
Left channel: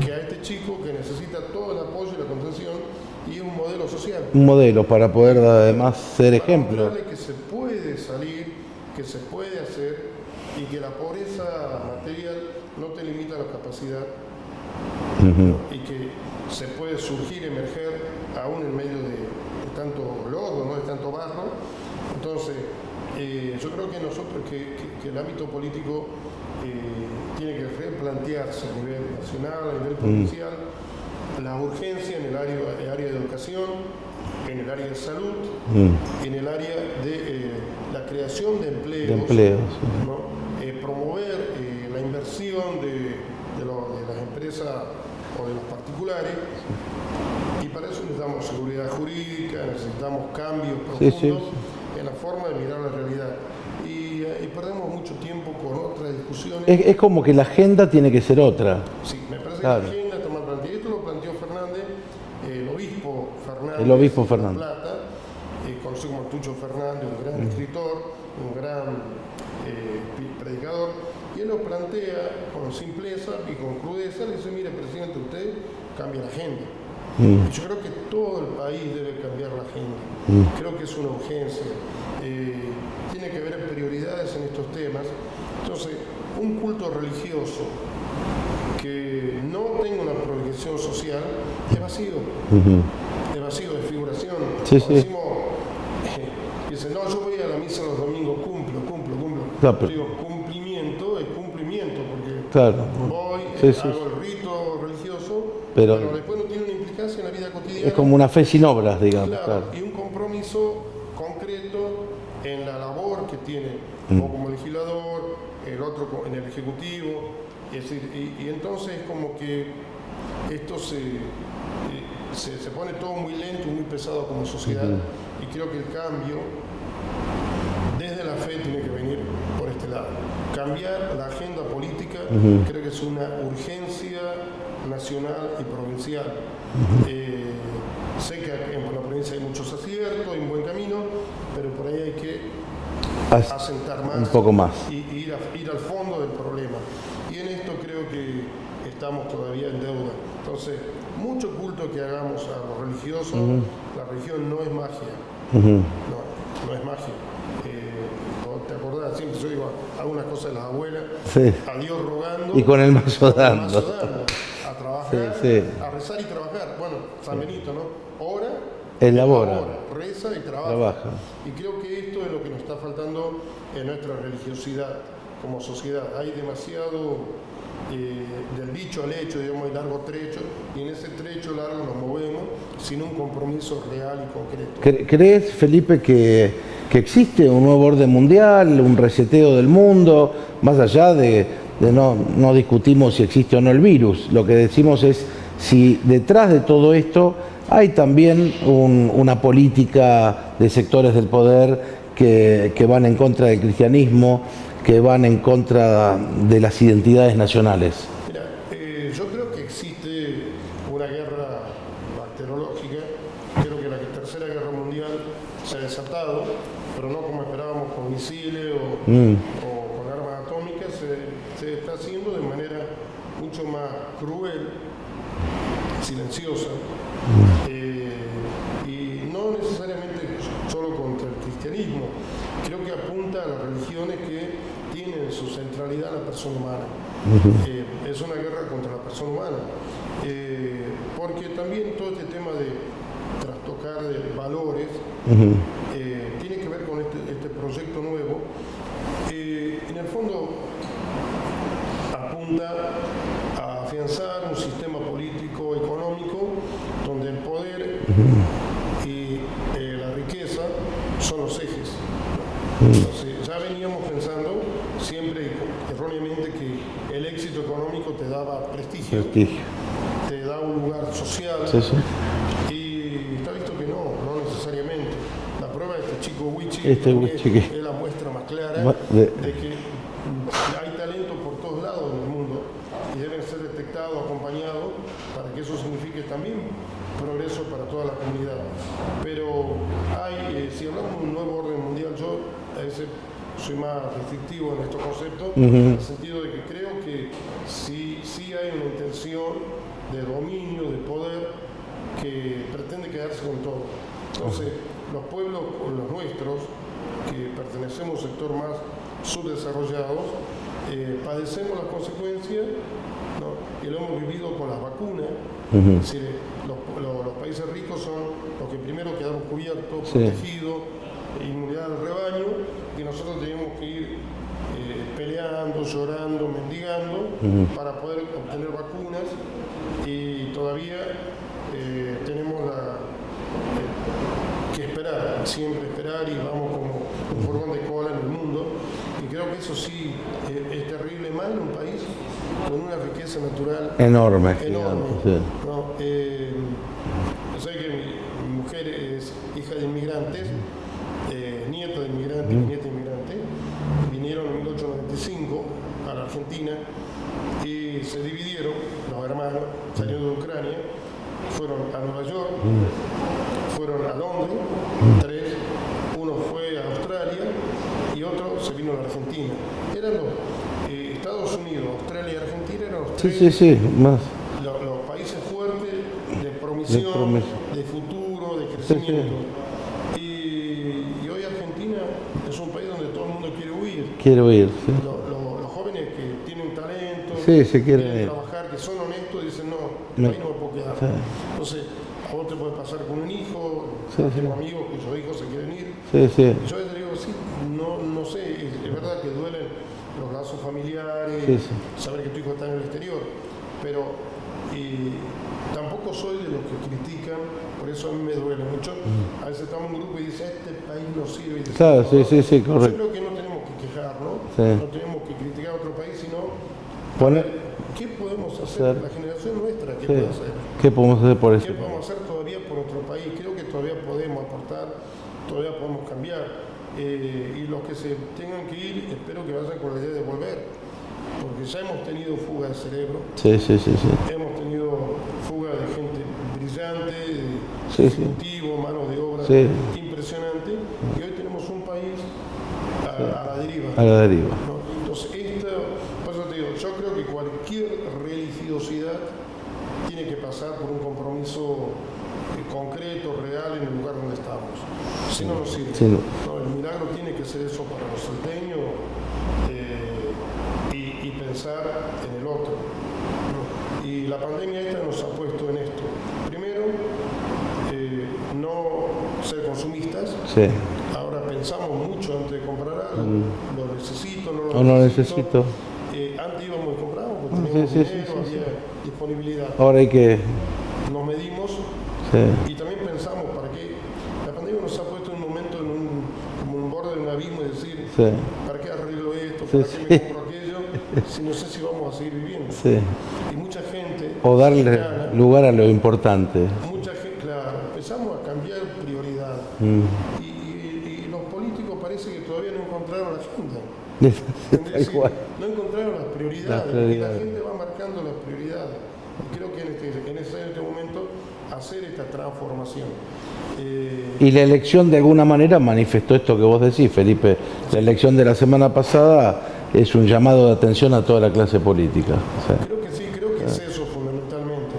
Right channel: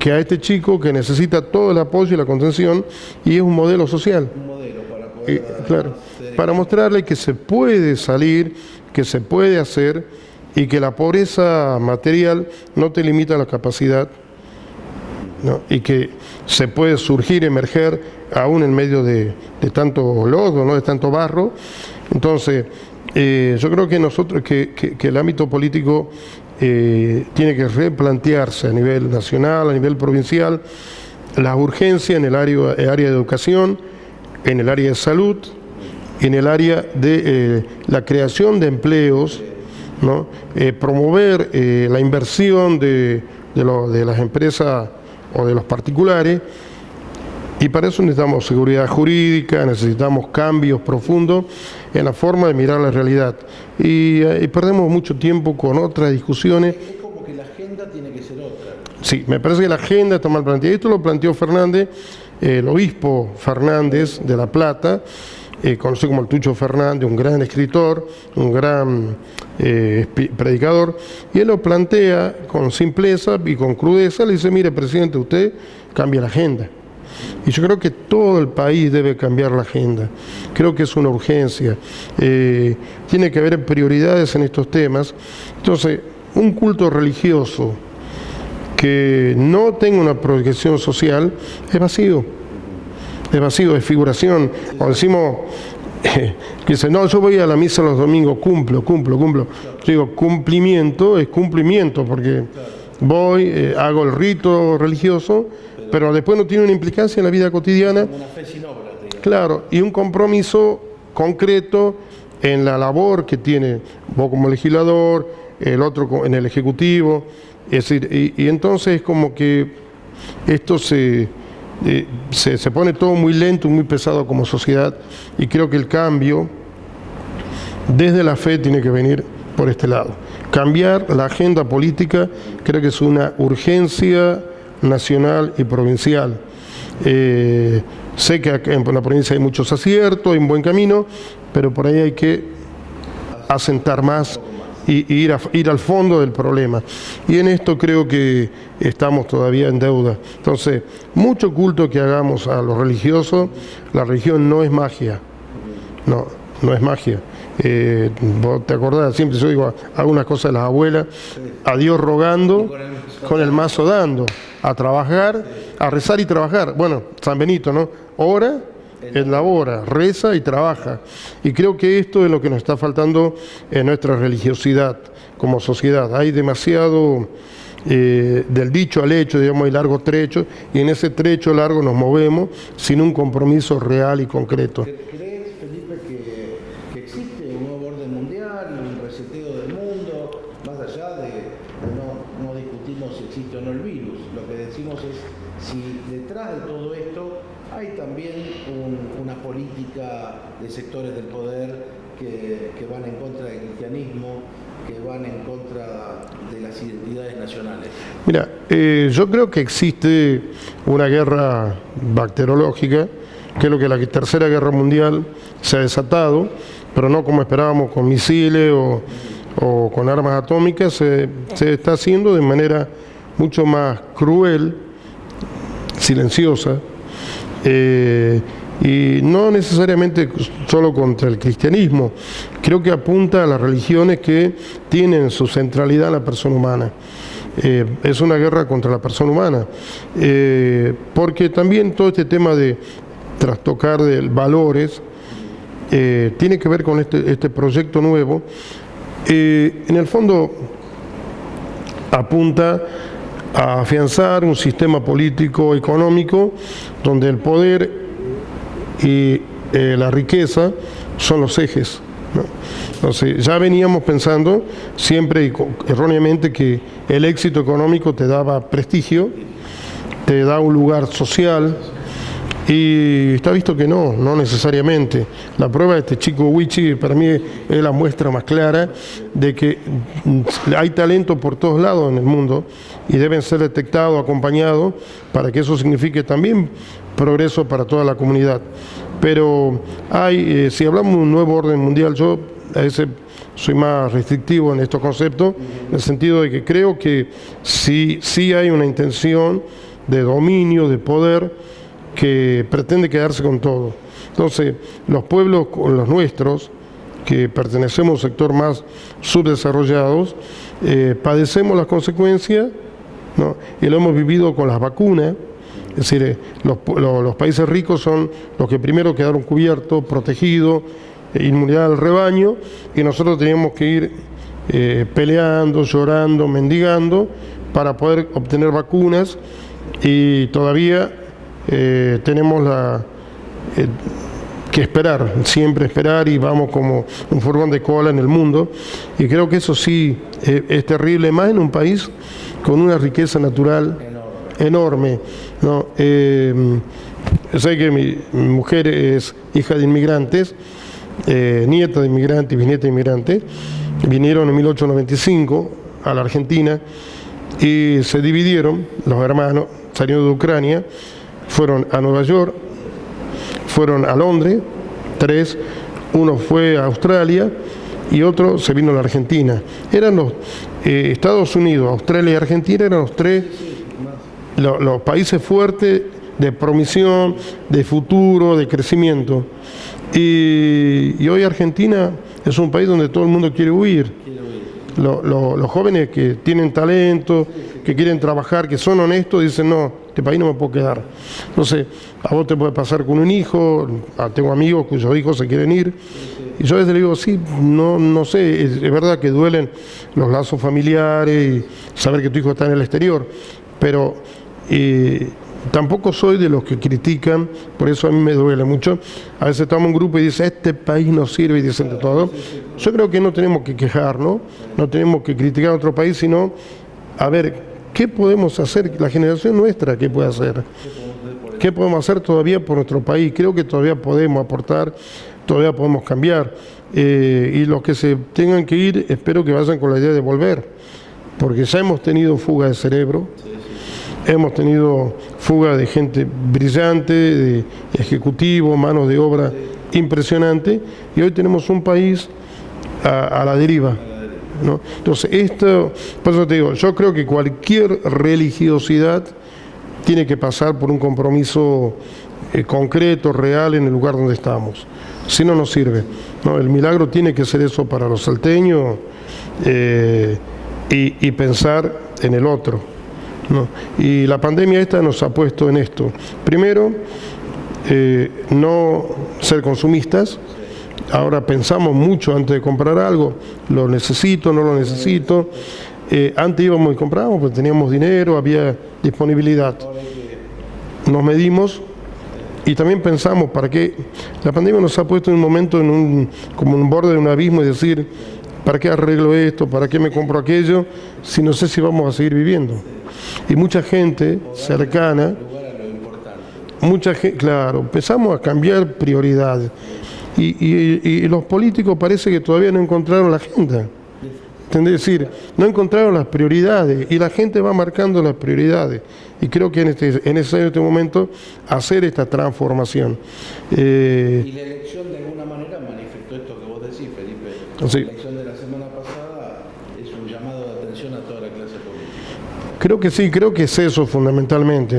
que a este chico que necesita todo el apoyo y la contención, y es un modelo social. Un modelo para poder además ser para mostrarle que se puede salir, que se puede hacer, y que la pobreza material no te limita la capacidad, ¿no? Y que se puede surgir, emerger, aún en medio de tanto lodo, ¿no? De tanto barro. Entonces, yo creo que nosotros, que el ámbito político tiene que replantearse a nivel nacional, a nivel provincial, las urgencias en el área de educación, en el área de salud, en el área de la creación de empleos, ¿no? Promover la inversión de las empresas o de los particulares, y para eso necesitamos seguridad jurídica, necesitamos cambios profundos en la forma de mirar la realidad. Y perdemos mucho tiempo con otras discusiones. Es como que la agenda tiene que ser otra. Sí, me parece que la agenda está mal planteada. Esto lo planteó Fernández, el obispo Fernández de La Plata, conocido como el Tucho Fernández, un gran escritor, un gran predicador, y él lo plantea con simpleza y con crudeza. Le dice: mire, presidente, usted cambia la agenda. Y yo creo que todo el país debe cambiar la agenda. Creo que es una urgencia. Tiene que haber prioridades en estos temas. Entonces, un culto religioso que no tenga una proyección social es vacío. Es vacío, es figuración. Cuando decimos que dice, no, yo voy a la misa los domingos, cumplo. Claro, Yo digo, cumplimiento es cumplimiento, porque claro. voy, Sí, sí. hago el rito religioso, pero después no tiene una implicancia en la vida cotidiana. Es como una fe sin obras, digamos. Claro, y un compromiso concreto en la labor que tiene vos como legislador, el otro en el Ejecutivo. Es decir, y entonces como que esto se pone todo muy lento, muy pesado como sociedad, y creo que el cambio desde la fe tiene que venir por este lado. Cambiar la agenda política creo que es una urgencia nacional y provincial. Sé que en la provincia hay muchos aciertos, hay un buen camino, pero por ahí hay que asentar más, un poco más. y ir al fondo del problema. Y en esto creo que estamos todavía en deuda. Entonces, mucho culto que hagamos a los religiosos, la religión no es magia. No es magia. Vos te acordás, siempre yo digo, hago una cosa de las abuelas, sí. A Dios rogando, y con el mazo dando, a trabajar, sí, sí. a rezar y trabajar. Bueno, San Benito, ¿no? Ora, elabora, reza y trabaja. Y creo que esto es lo que nos está faltando en nuestra religiosidad como sociedad. Hay demasiado del dicho al hecho, digamos, hay largo trecho, y en ese trecho largo nos movemos sin un compromiso real y concreto. ¿Crees, Felipe, que existe un nuevo orden mundial, un reseteo del mundo, más allá de no discutimos si existe o no el virus? Lo que decimos es si detrás de todo esto hay también una política de sectores del poder que van en contra del cristianismo, que van en contra de las identidades nacionales. Mira, yo creo que existe una guerra bacteriológica, creo que la Tercera Guerra Mundial se ha desatado, pero no como esperábamos con misiles o con armas atómicas, se está haciendo de manera mucho más cruel, silenciosa, y no necesariamente solo contra el cristianismo. Creo que apunta a las religiones que tienen su centralidad en la persona humana. Es una guerra contra la persona humana, porque también todo este tema de trastocar de valores tiene que ver con este proyecto nuevo. En el fondo apunta a afianzar un sistema político económico donde el poder y la riqueza son los ejes, ¿no? Entonces ya veníamos pensando siempre erróneamente que el éxito económico te daba prestigio, te da un lugar social, y está visto que no necesariamente. La prueba de este chico Wichi para mí es la muestra más clara de que hay talento por todos lados en el mundo y deben ser detectados, acompañados, para que eso signifique también progreso para toda la comunidad. Pero si hablamos de un nuevo orden mundial, yo a veces soy más restrictivo en estos conceptos, en el sentido de que creo que sí hay una intención de dominio, de poder, que pretende quedarse con todo. Entonces, los pueblos, los nuestros, que pertenecemos a un sector más subdesarrollados, padecemos las consecuencias, ¿no? Y lo hemos vivido con las vacunas. Es decir, los países ricos son los que primero quedaron cubiertos, protegidos, inmunidad al rebaño, y nosotros teníamos que ir peleando, llorando, mendigando para poder obtener vacunas, y todavía tenemos que esperar, siempre esperar, y vamos como un furgón de cola en el mundo, y creo que eso sí es terrible, más en un país con una riqueza natural enorme, ¿no? Sé que mi mujer es hija de inmigrantes, nieta de inmigrantes y bisnieta de inmigrantes. Vinieron en 1895 a la Argentina y se dividieron, los hermanos salieron de Ucrania, fueron a Nueva York, fueron a Londres, 3, uno fue a Australia y otro se vino a la Argentina. Eran los Estados Unidos, Australia y Argentina eran los 3 los países fuertes de promisión, de futuro, de crecimiento. Y hoy Argentina es un país donde todo el mundo quiere huir. Quiere huir. Sí. Los jóvenes que tienen talento, que quieren trabajar, que son honestos, dicen, no, este país no me puedo quedar. Sí. Entonces, a vos te puede pasar con un hijo, tengo amigos cuyos hijos se quieren ir. Sí, sí. Y yo a veces le digo, sí, no sé, es verdad que duelen los lazos familiares, saber que tu hijo está en el exterior, pero tampoco soy de los que critican, por eso a mí me duele mucho. A veces estamos en un grupo y dice, este país no sirve, y dicen todo. Yo creo que no tenemos que quejarnos, no tenemos que criticar a otro país, sino a ver qué podemos hacer, la generación nuestra, qué puede hacer. ¿Qué podemos hacer por eso? ¿Qué podemos hacer todavía por nuestro país? Creo que todavía podemos aportar, todavía podemos cambiar. Y los que se tengan que ir, espero que vayan con la idea de volver. Porque ya hemos tenido fuga de cerebro, hemos tenido fuga de gente brillante, de ejecutivos, manos de obra impresionante, y hoy tenemos un país a la deriva. ¿No? Entonces, por eso te digo, yo creo que cualquier religiosidad tiene que pasar por un compromiso concreto, real, en el lugar donde estamos. Si no, no sirve. ¿No? El milagro tiene que ser eso para los salteños. Y pensar en el otro, ¿no? Y la pandemia esta nos ha puesto en esto. Primero, no ser consumistas. Ahora pensamos mucho antes de comprar algo. ¿Lo necesito? ¿No lo necesito? Antes íbamos y comprábamos porque teníamos dinero, había disponibilidad. Ahora hay que... Nos medimos. Y también pensamos, ¿para qué? La pandemia nos ha puesto en un momento como en un borde de un abismo y decir, ¿para qué arreglo esto? ¿Para qué me compro aquello? Si no sé si vamos a seguir viviendo. Y mucha gente cercana... lugar a lo importante. Mucha gente, claro, empezamos a cambiar prioridades. Y los políticos parece que todavía no encontraron la agenda. Es decir, no encontraron las prioridades y la gente va marcando las prioridades. Y creo que es necesario en este momento hacer esta transformación. Y la elección de alguna manera manifestó esto que vos decís, Felipe. La elección de la semana pasada es un llamado de atención a toda la clase política. Creo que sí, creo que es eso fundamentalmente.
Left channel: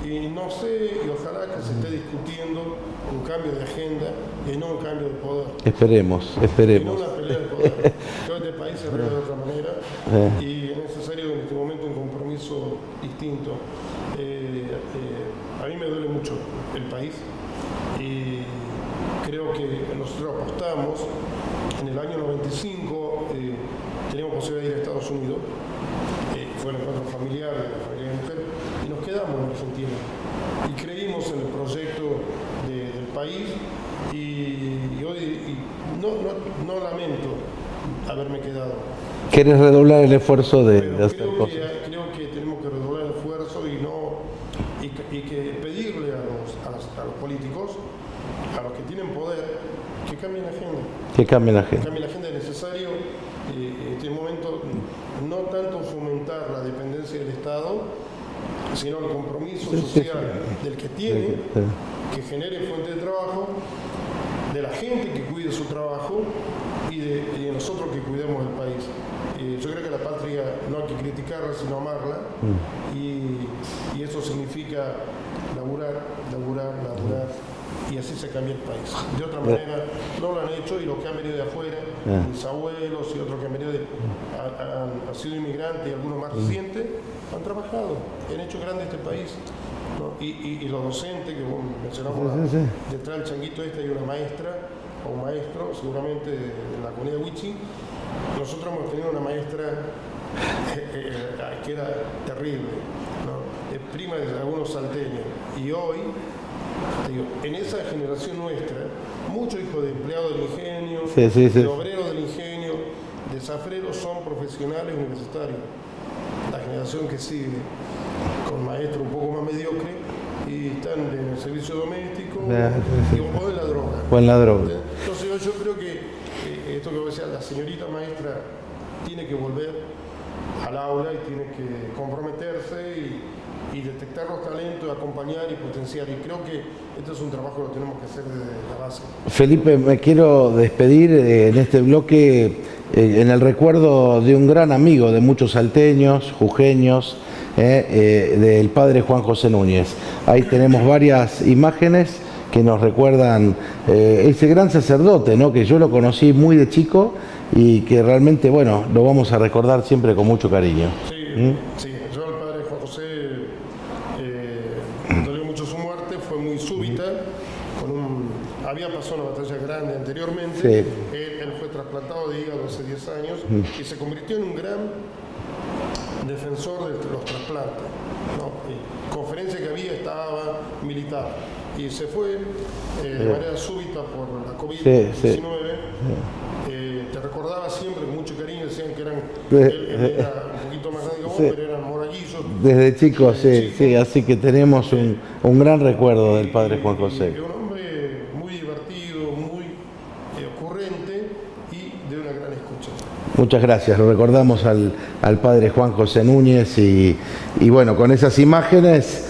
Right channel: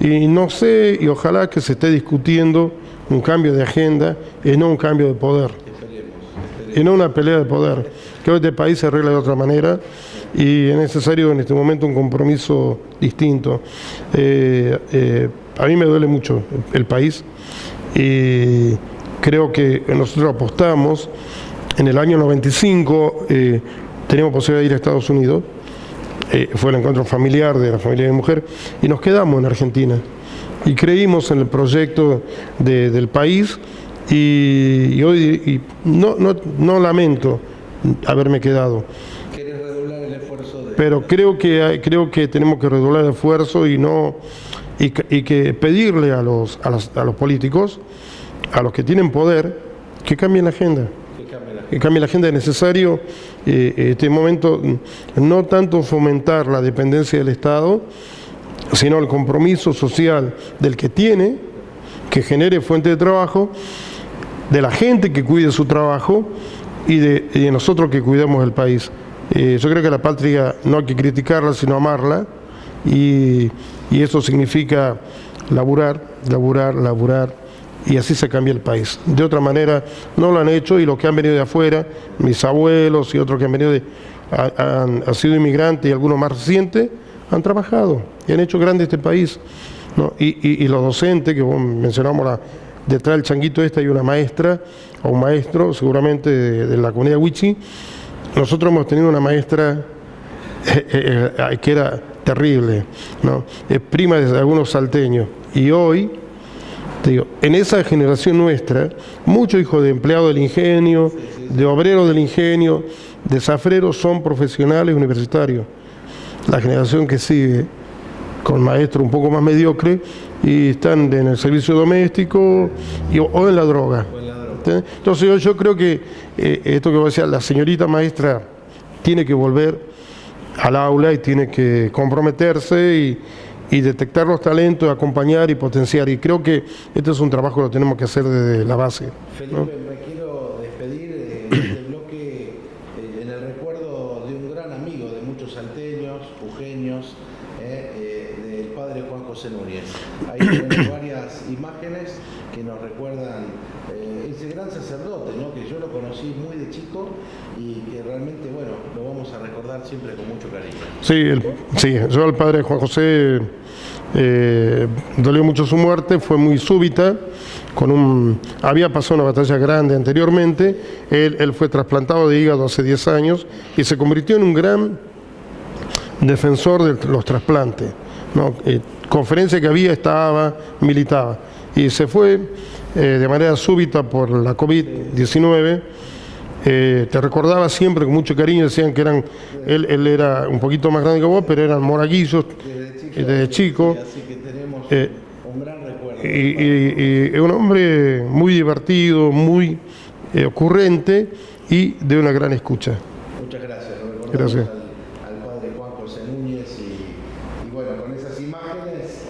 Y no sé, y ojalá que se esté discutiendo un cambio de agenda y no un cambio de poder. Esperemos. Y no una pelea de poder. Creo que este país se arregla de otra manera y es necesario en este momento un compromiso distinto. A mí me duele mucho el país y creo que nosotros apostamos. En el año 95 teníamos posibilidad de ir a Estados Unidos. Fue el encuentro familiar de la familia de mi mujer y nos quedamos en Argentina. Y creímos en el proyecto del país y hoy no lamento haberme quedado. ¿Querés redoblar el esfuerzo Pero creo que tenemos que redoblar el esfuerzo y que pedirle a los políticos, a los que tienen poder, que cambien la agenda. Que cambien la agenda. Es necesario en este momento no tanto fomentar la dependencia del Estado, sino el compromiso social del que tiene, que genere fuente de trabajo, de la gente que cuide su trabajo y de nosotros que cuidemos el país. Yo creo que la patria no hay que criticarla, sino amarla, y eso significa laburar, y así se cambia el país. De otra manera no lo han hecho, y los que han venido de afuera, mis abuelos y otros que han venido han sido inmigrantes y algunos más recientes, han trabajado y han hecho grande este país, ¿no? Y los docentes, que mencionamos, detrás del changuito hay una maestra o un maestro, seguramente de la comunidad Wichi. Nosotros hemos tenido una maestra que era terrible, ¿no? Es prima de algunos salteños, y hoy, te digo, en esa generación nuestra, muchos hijos de empleados del ingenio, de obreros del ingenio, de zafreros, son profesionales universitarios. La generación que sigue, con maestros un poco más mediocres, y están en el servicio doméstico o en la droga. Entonces yo creo que esto que vos decías, la señorita maestra tiene que volver al aula y tiene que comprometerse y detectar los talentos, acompañar y potenciar. Y creo que este es un trabajo que lo tenemos que hacer desde la base. Felipe, me quiero despedir en este bloque en el recuerdo de un gran amigo de muchos salteños, jujeños, del padre Juan José Núñez. Ahí tenemos varias imágenes que nos recuerdan ese gran sacerdote, ¿no? Que yo lo conocí muy de chico y que realmente, bueno, lo vamos a recordar siempre con mucho cariño. Sí, sí, yo al padre Juan José dolió mucho su muerte, fue muy súbita. Había pasado una batalla grande anteriormente, sí. Él fue trasplantado de hígado hace 10 años y se convirtió en un gran defensor de los trasplantes, ¿no? Conferencia que había, militaba y se fue de manera súbita por la COVID-19. Te recordaba siempre con mucho cariño, decían que él era un poquito más grande que vos, pero eran moraguillos. Desde chico, sí, así que tenemos un gran recuerdo del padre Juan José. Es un hombre muy divertido, muy ocurrente y de una gran escucha. Muchas gracias, lo recordamos al padre Juan José Núñez y bueno, con esas imágenes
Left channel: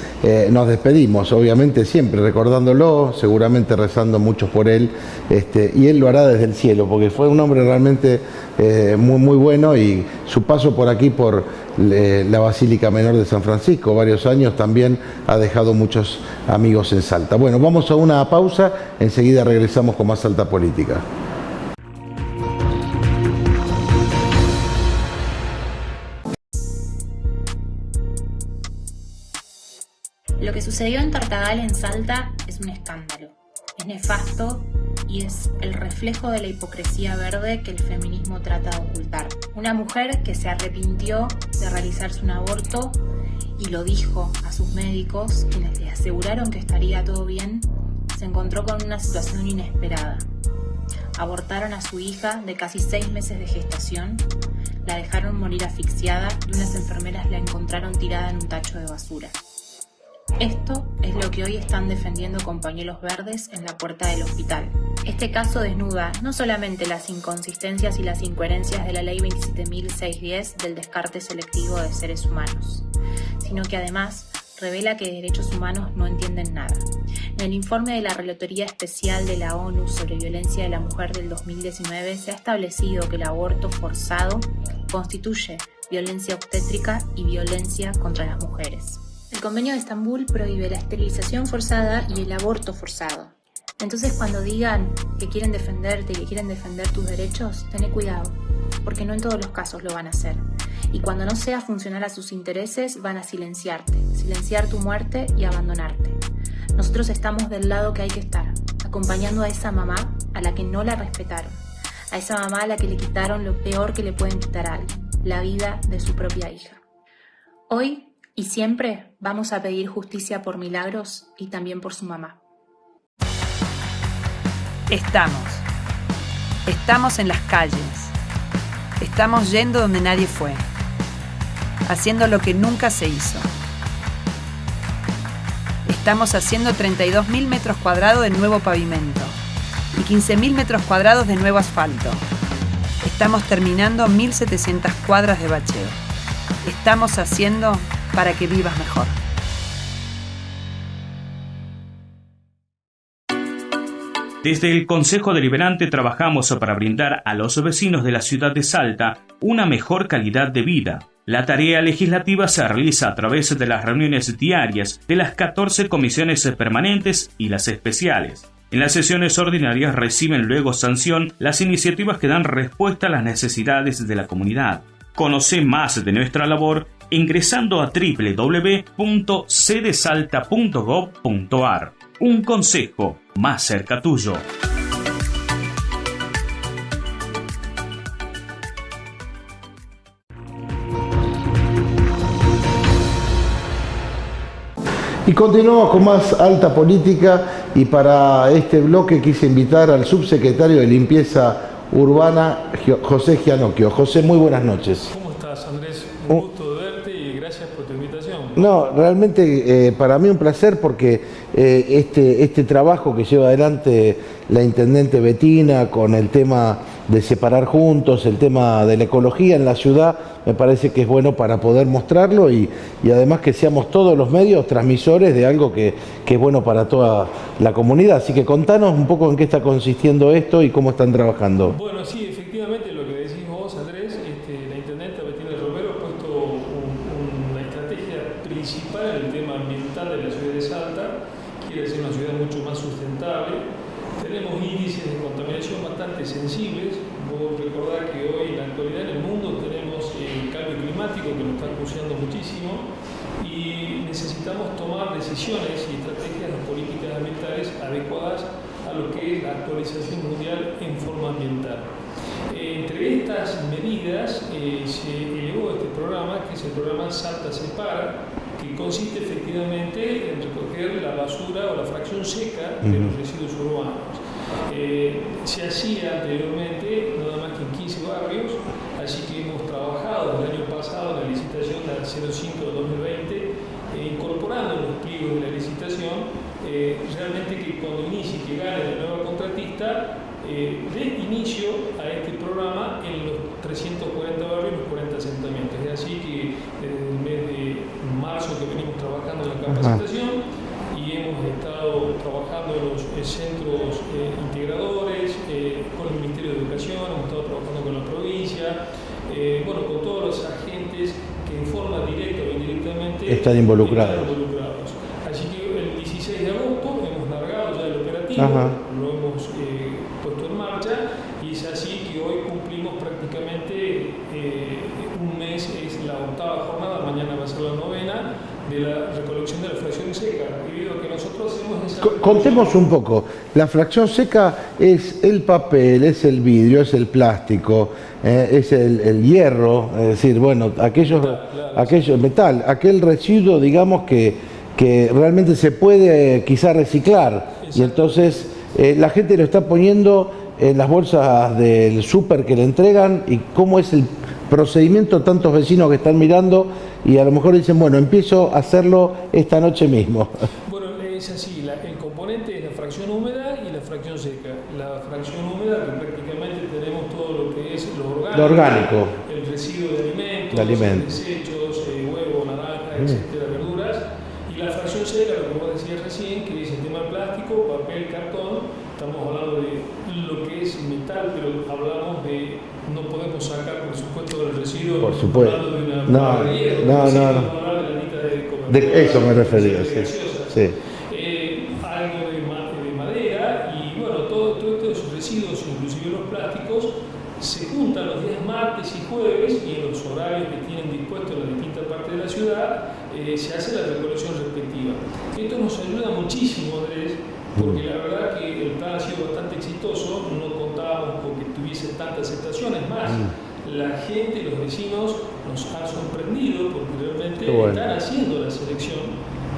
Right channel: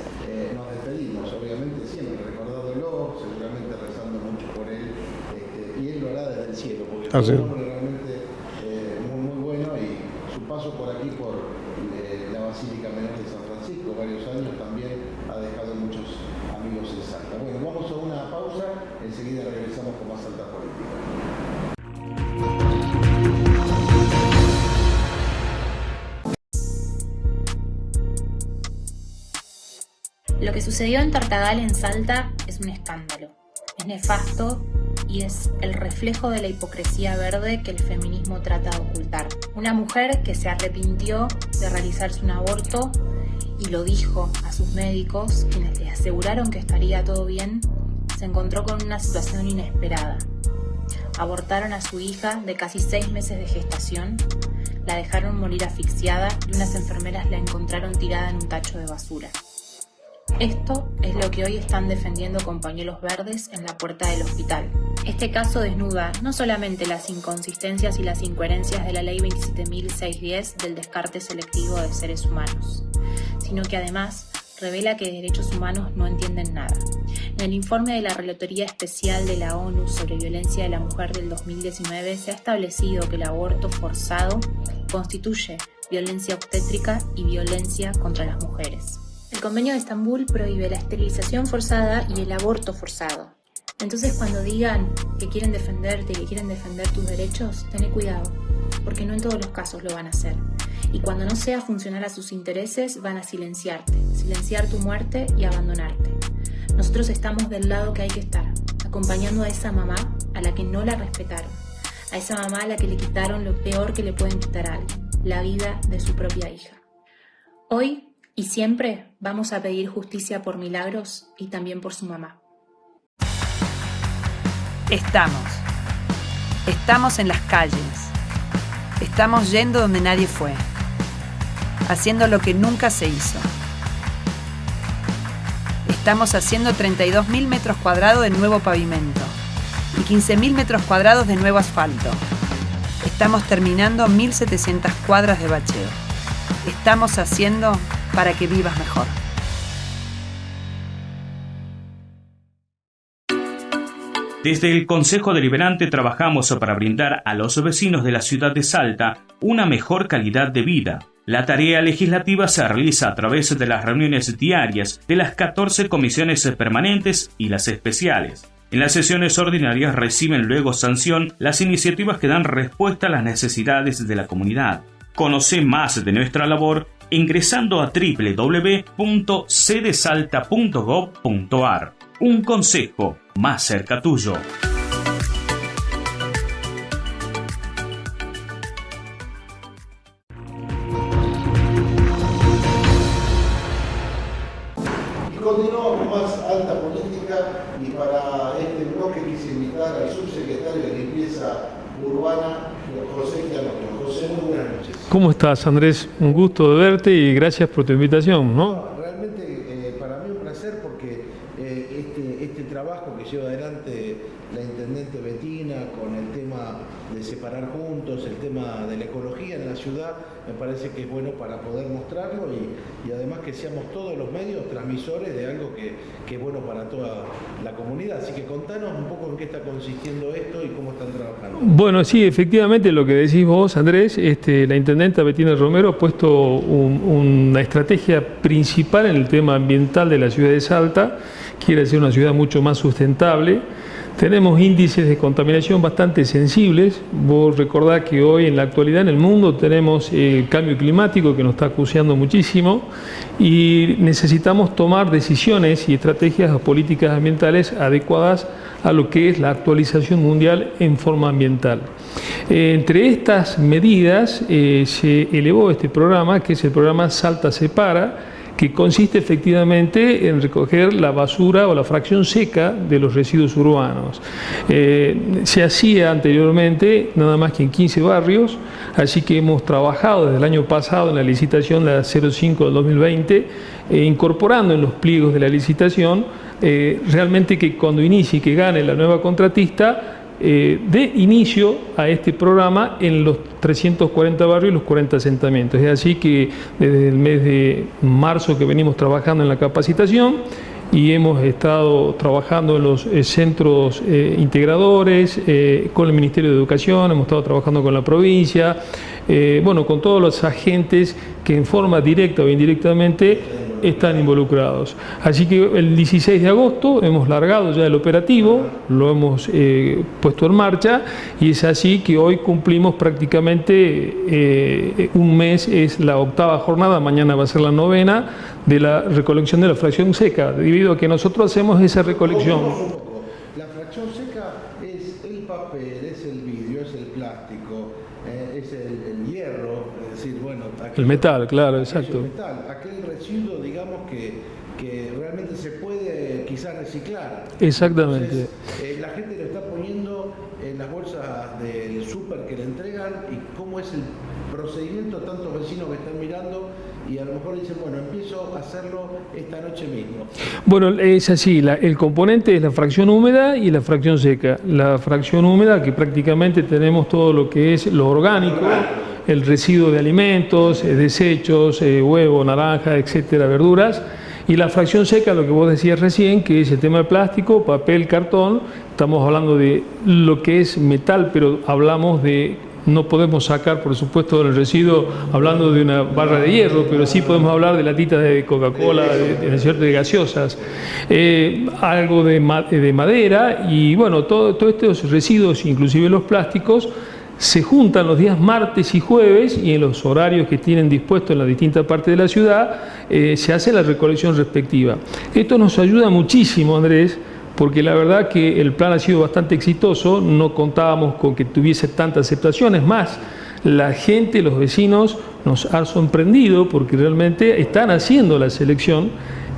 nos despedimos, obviamente siempre recordándolo, seguramente rezando mucho por él, y él lo hará desde el cielo, porque fue un hombre realmente muy bueno, y su paso por aquí, por la Basílica Menor de San Francisco, varios años, también ha dejado muchos amigos en Salta. Bueno, vamos a una pausa, enseguida regresamos con más Salta Política. Lo que sucedió en Tartagal, en Salta, es un escándalo. Es nefasto y es el reflejo de la hipocresía verde que el feminismo trata de ocultar. Una mujer que se arrepintió de realizarse un aborto y lo dijo a sus médicos, quienes le aseguraron que estaría todo bien, se encontró con una situación inesperada. Abortaron a su hija de casi 6 meses de gestación, la dejaron morir asfixiada y unas enfermeras la encontraron tirada en un tacho de basura. Esto es lo que hoy están defendiendo con pañuelos verdes en la puerta del hospital. Este caso desnuda no solamente las inconsistencias y las incoherencias de la Ley 27.610 del descarte selectivo de seres humanos, sino que además revela que de derechos humanos no entienden nada. En el informe de la Relatoría Especial de la ONU sobre Violencia de la Mujer del 2019 se ha establecido que el aborto forzado constituye violencia obstétrica y violencia contra las mujeres. El Convenio de Estambul prohíbe la esterilización forzada y el aborto forzado. Entonces, cuando digan que quieren defenderte y que quieren defender tus derechos, tené cuidado, porque no en todos los casos lo van a hacer. Y cuando no sea funcional a sus intereses, van a silenciar tu muerte y abandonarte. Nosotros estamos del lado que hay que estar, acompañando a esa mamá a la que no la respetaron, a esa mamá a la que le quitaron lo peor que le pueden quitar a alguien, la vida de su propia hija. Hoy y siempre vamos a pedir justicia por Milagros y también por su mamá. Estamos en las calles. Estamos yendo donde nadie fue. Haciendo lo que nunca se hizo. Estamos haciendo 32.000 metros cuadrados de nuevo pavimento y 15.000 metros cuadrados de nuevo asfalto. Estamos terminando 1.700 cuadras de bacheo. Estamos haciendo para que vivas mejor. Desde el Consejo Deliberante trabajamos para brindar a los vecinos de la ciudad de Salta una mejor calidad de vida. La tarea legislativa se realiza a través de las reuniones diarias de las 14 comisiones permanentes y las especiales. En las sesiones ordinarias reciben luego sanción las iniciativas que dan respuesta a las necesidades de la comunidad. Conoce más de nuestra labor ingresando a www.cdesalta.gov.ar. Un consejo más cerca tuyo. Y continuamos con más Alta Política, y para este bloque quise invitar al subsecretario de Limpieza Urbana, José Gianocchio. José, muy buenas noches. ¿Cómo estás, Andrés? Un gusto de verte y gracias por tu invitación. No, realmente para mí un placer, porque este trabajo que lleva adelante la intendente Bettina con el tema de separar juntos, el tema de la ecología en la ciudad, me parece que es bueno para poder mostrarlo y además que seamos todos los medios transmisores de algo que es bueno para toda la comunidad. Así que contanos un poco en qué está consistiendo esto y cómo están trabajando. Bueno, sí, efectivamente lo que decís vos, Andrés, la intendenta Bettina Romero ha puesto una estrategia principal en el tema ambiental de la ciudad de Salta, quiere ser una ciudad mucho más sustentable. Tenemos índices de contaminación bastante sensibles. Vos recordás que hoy en la actualidad en el mundo tenemos el cambio climático que nos está acuciando muchísimo y necesitamos tomar decisiones y estrategias o políticas ambientales adecuadas a lo que es la actualización mundial en forma ambiental. Entre estas medidas se elevó este programa, que es el programa Salta Separa, que consiste efectivamente en recoger la basura o la fracción seca de los residuos urbanos. Se hacía anteriormente nada más que en 15 barrios, así que hemos trabajado desde el año pasado en la licitación, la 05 del 2020, incorporando en los pliegos de la licitación realmente que cuando inicie y que gane la nueva contratista, de inicio a este programa en los 340 barrios y los 40 asentamientos. Es así que desde el mes de marzo que venimos trabajando en la capacitación y hemos estado trabajando en los centros integradores, con el Ministerio de Educación, hemos estado trabajando con la provincia, bueno, con todos los agentes que en forma directa o indirectamente están involucrados. Así que el 16 de agosto hemos largado ya el operativo, lo hemos puesto en marcha y es así que hoy cumplimos prácticamente un mes, es la 8ª jornada, mañana va a ser la 9ª de la recolección de la fracción seca, debido a que nosotros hacemos esa recolección. Contemos un poco, la fracción seca es el papel, es el vidrio, es el plástico, es el hierro, es decir, bueno, aquello, metal, claro, metal, aquel residuo, digamos, que realmente se puede quizá reciclar. Entonces, la gente lo está poniendo en las bolsas del súper que le entregan, y cómo es el procedimiento, tantos vecinos que están mirando y a lo mejor dicen, bueno, empiezo a hacerlo esta noche mismo. Bueno, es así, el componente es la fracción húmeda y la fracción seca. La fracción húmeda, que prácticamente tenemos todo lo que es lo orgánico, el residuo de alimentos, desechos, huevo, naranja, etcétera, verduras. Y la fracción seca, lo que vos decías recién, que es el tema de plástico, papel, cartón. Estamos hablando de lo que es metal, pero hablamos de... No podemos sacar, por supuesto, del residuo hablando de una barra de hierro, pero sí podemos hablar de latitas de Coca-Cola, de gaseosas, algo de madera y bueno, todos estos residuos, inclusive los plásticos, se juntan los días martes y jueves y en los horarios que tienen dispuestos en las distintas partes de la ciudad se hace la recolección respectiva. Esto nos ayuda muchísimo, Andrés, porque la verdad que el plan ha sido bastante exitoso, no contábamos con que tuviese tanta aceptación, es más, la gente, los vecinos nos han sorprendido porque realmente están haciendo la selección,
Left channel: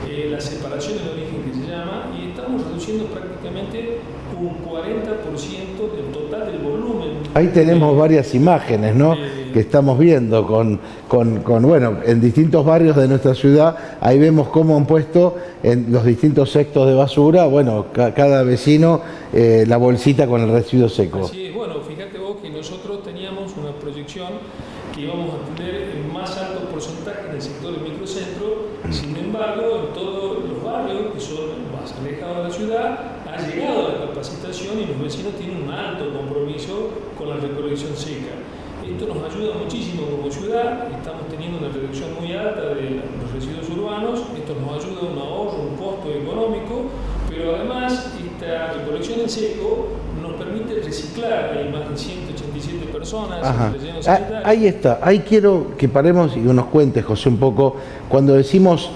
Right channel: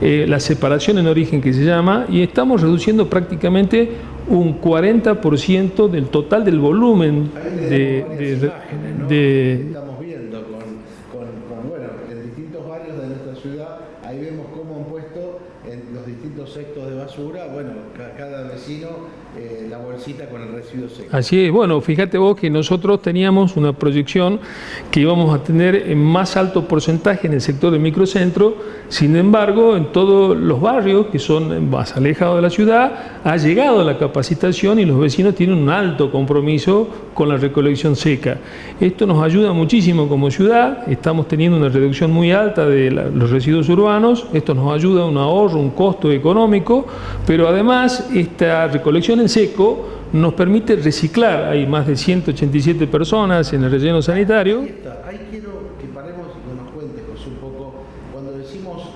la separación en origen que se llama, y estamos reduciendo prácticamente un 40% del total del volumen. Ahí tenemos varias imágenes, ¿no? Que estamos viendo bueno, en distintos barrios de nuestra ciudad. Ahí vemos cómo han puesto en los distintos cestos de basura, bueno, cada vecino la bolsita con el residuo seco. Así es, bueno, fíjate vos que nosotros teníamos una proyección que íbamos a tener en más alto porcentaje en el sector del microcentro. Sin embargo, en todos los barrios que son más alejados de la ciudad, ha llegado la capacitación y los vecinos tienen un alto compromiso con la recolección seca. Esto nos ayuda muchísimo como ciudad, estamos teniendo una reducción muy alta de los residuos urbanos, esto nos ayuda a un ahorro, un costo económico, pero además esta recolección en seco nos permite reciclar. Hay más de 187 personas en el relleno sanitario. Ahí está, ahí quiero que paremos y nos cuentes, José, un poco, cuando decimos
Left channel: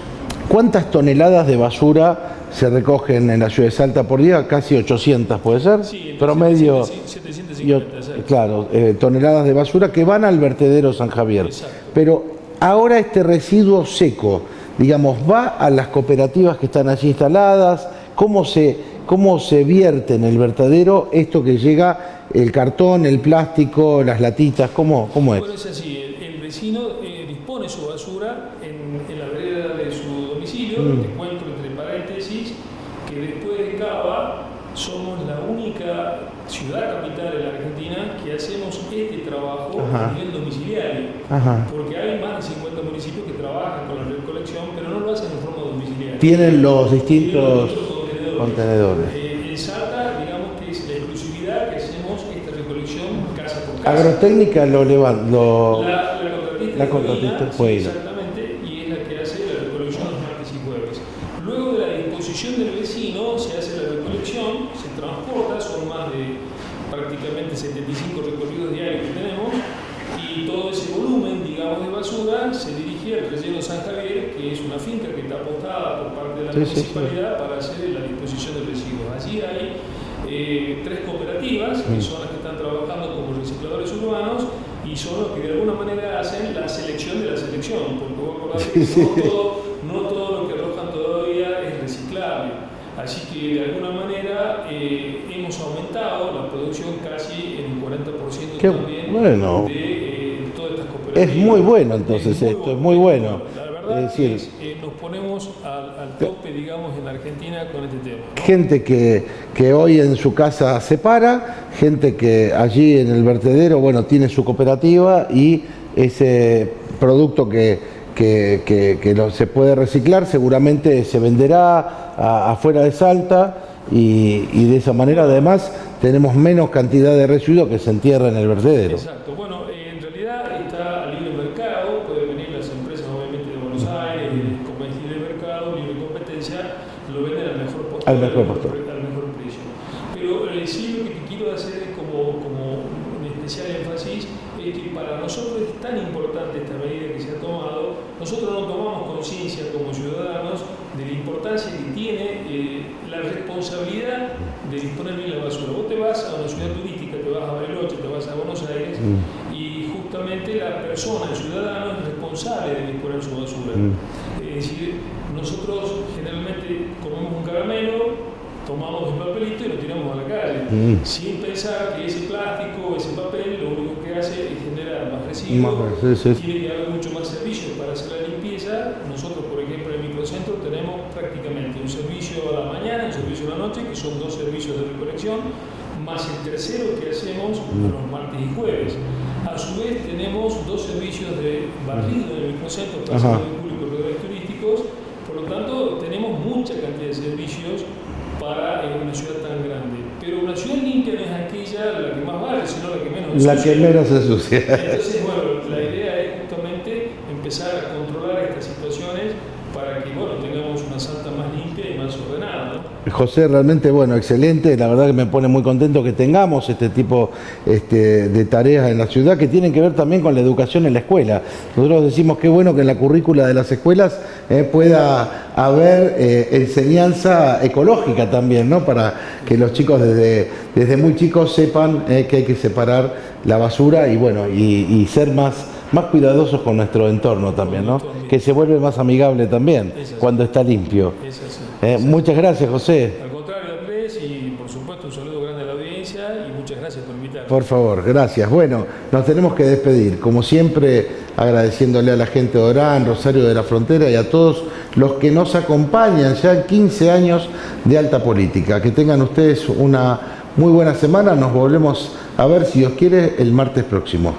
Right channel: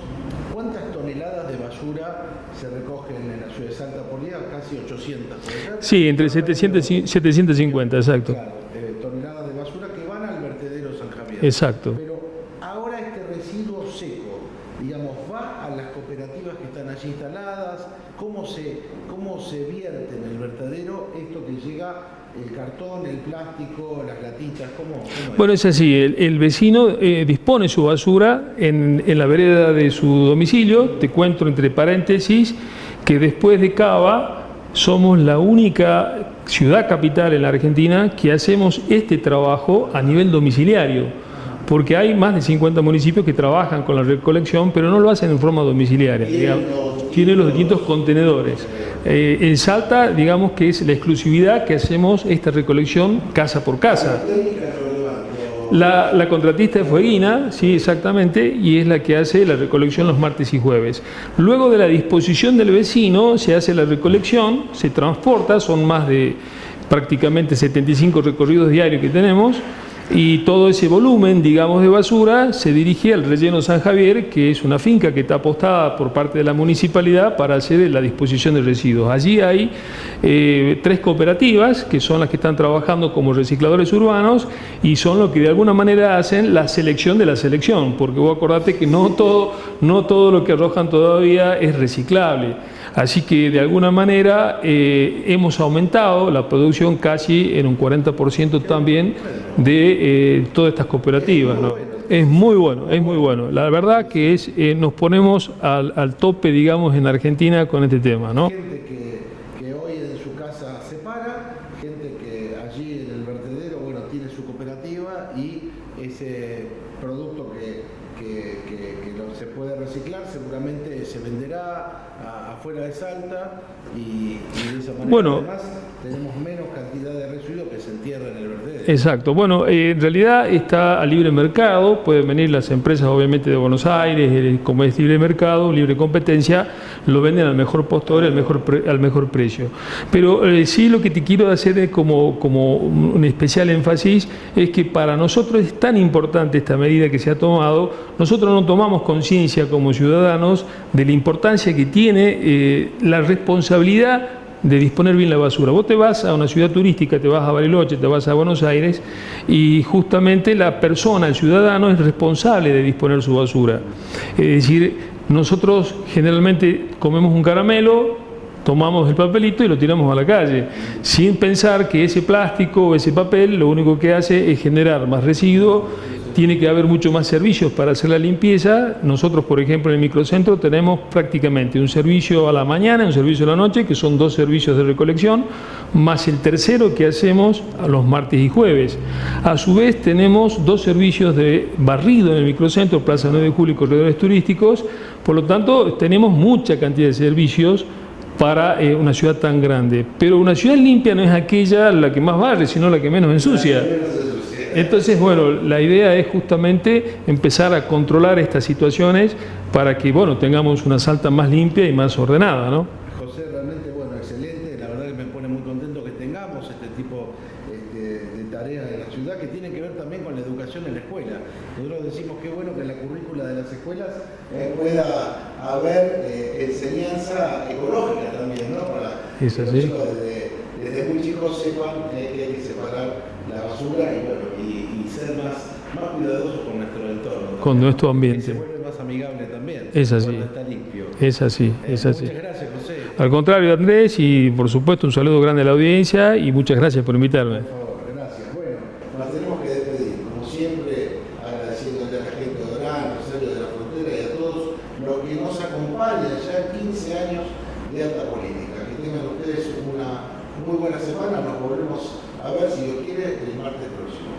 cuántas toneladas de basura se recogen en la ciudad de Salta por día, casi 800, ¿puede ser? Sí, entre 750, exacto. Claro, toneladas de basura que van al vertedero San Javier. Exacto. Pero ahora este residuo seco, digamos, ¿va a las cooperativas que están allí instaladas? ¿Cómo se vierte en el vertedero esto que llega, el cartón, el plástico, las latitas? ¿Cómo es? Bueno, es así, el vecino dispone su basura en la vereda de su domicilio. Te cuento entre paréntesis que después de Cava somos la única ciudad capital en la Argentina que hacemos este trabajo a nivel domiciliario, porque hay más de 50 municipios que trabajan con la recolección, pero no lo hacen en forma domiciliaria. Tienen los distintos contenedores. En Salta, digamos que es la exclusividad que hacemos esta recolección casa por casa. La técnica la contratista es Fueguina, sí, exactamente, y es la que hace la recolección los martes y jueves. Luego de la disposición del vecino se hace la recolección, se transporta, son más de prácticamente 75 recorridos diarios que tenemos, y todo ese volumen, digamos, de basura se dirige al relleno San Javier, que es una finca que está apostada por parte de la municipalidad para hacer la disposición de residuos. Allí hay 3 cooperativas que son las que están trabajando como recicladores urbanos y son los que de alguna manera hacen la selección de la selección, porque vos acordate que no todo lo que arrojan todavía es reciclable. Así que de alguna manera hemos aumentado la producción casi en un 40% también de todas estas cooperativas. Es muy bueno, entonces. Es muy bueno. La verdad que nos ponemos al tope, digamos, en Argentina con este tema, ¿no? Gente que hoy en su casa separa, gente que allí en el vertedero, bueno, tiene su cooperativa y ese producto que se puede reciclar seguramente se venderá afuera de Salta y de esa manera además tenemos menos cantidad de residuos que se entierra en el vertedero. Exacto. Bueno, en realidad está a libre mercado, pueden venir las empresas obviamente de Buenos Aires, como es libre mercado, libre competencia, lo venden al mejor postor, al mejor precio. Pero sí lo que te quiero hacer como un especial énfasis es que para nosotros es tan importante esta medida que se ha tomado, nosotros no tomamos conciencia como ciudadanos de la importancia que tiene la responsabilidad de disponer bien la basura. Vos te vas a una ciudad turística, te vas a Bariloche, te vas a Buenos Aires y justamente la persona, el ciudadano, es responsable de disponer su basura. Es decir, nosotros generalmente comemos un caramelo, tomamos el papelito y lo tiramos a la calle, sin pensar que ese plástico o ese papel lo único que hace es generar más residuos. Tiene que haber mucho más servicios para hacer la limpieza. Nosotros, por ejemplo, en el microcentro tenemos prácticamente un servicio a la mañana y un servicio a la noche, que son 2 servicios de recolección, más el tercero que hacemos los martes y jueves. A su vez tenemos 2 servicios de barrido en el microcentro, Plaza 9 de Julio y corredores turísticos. Por lo tanto, tenemos mucha cantidad de servicios para una ciudad tan grande. Pero una ciudad limpia no es aquella la que más barre, sino la que menos ensucia. Entonces, bueno, la idea es justamente empezar a controlar estas situaciones para que, bueno, tengamos una Salta más limpia y más ordenada, ¿no? José, realmente, bueno, excelente. La verdad que me pone muy contento que tengamos este tipo de tareas en la ciudad que tienen que ver también con la educación en la escuela. Nosotros decimos que bueno que en la currícula de las escuelas pueda haber enseñanza ecológica también, ¿no? Para que los chicos desde muy chicos sepan que hay que separar la basura y, bueno, y ser más cuidadosos con nuestro entorno también, ¿no? Que se vuelve más amigable también cuando está limpio. Es así. Muchas gracias, José. Al contrario, Andrés, y por supuesto un saludo grande a la audiencia y muchas gracias por invitarme. Por favor, gracias. Bueno, nos tenemos que despedir, como siempre, agradeciéndole a la gente de Orán, Rosario de la Frontera y a todos los que nos acompañan ya en 15 años de Alta Política. Que tengan ustedes una muy buena semana. Nos volvemos a ver, si Dios quiere, el martes próximo.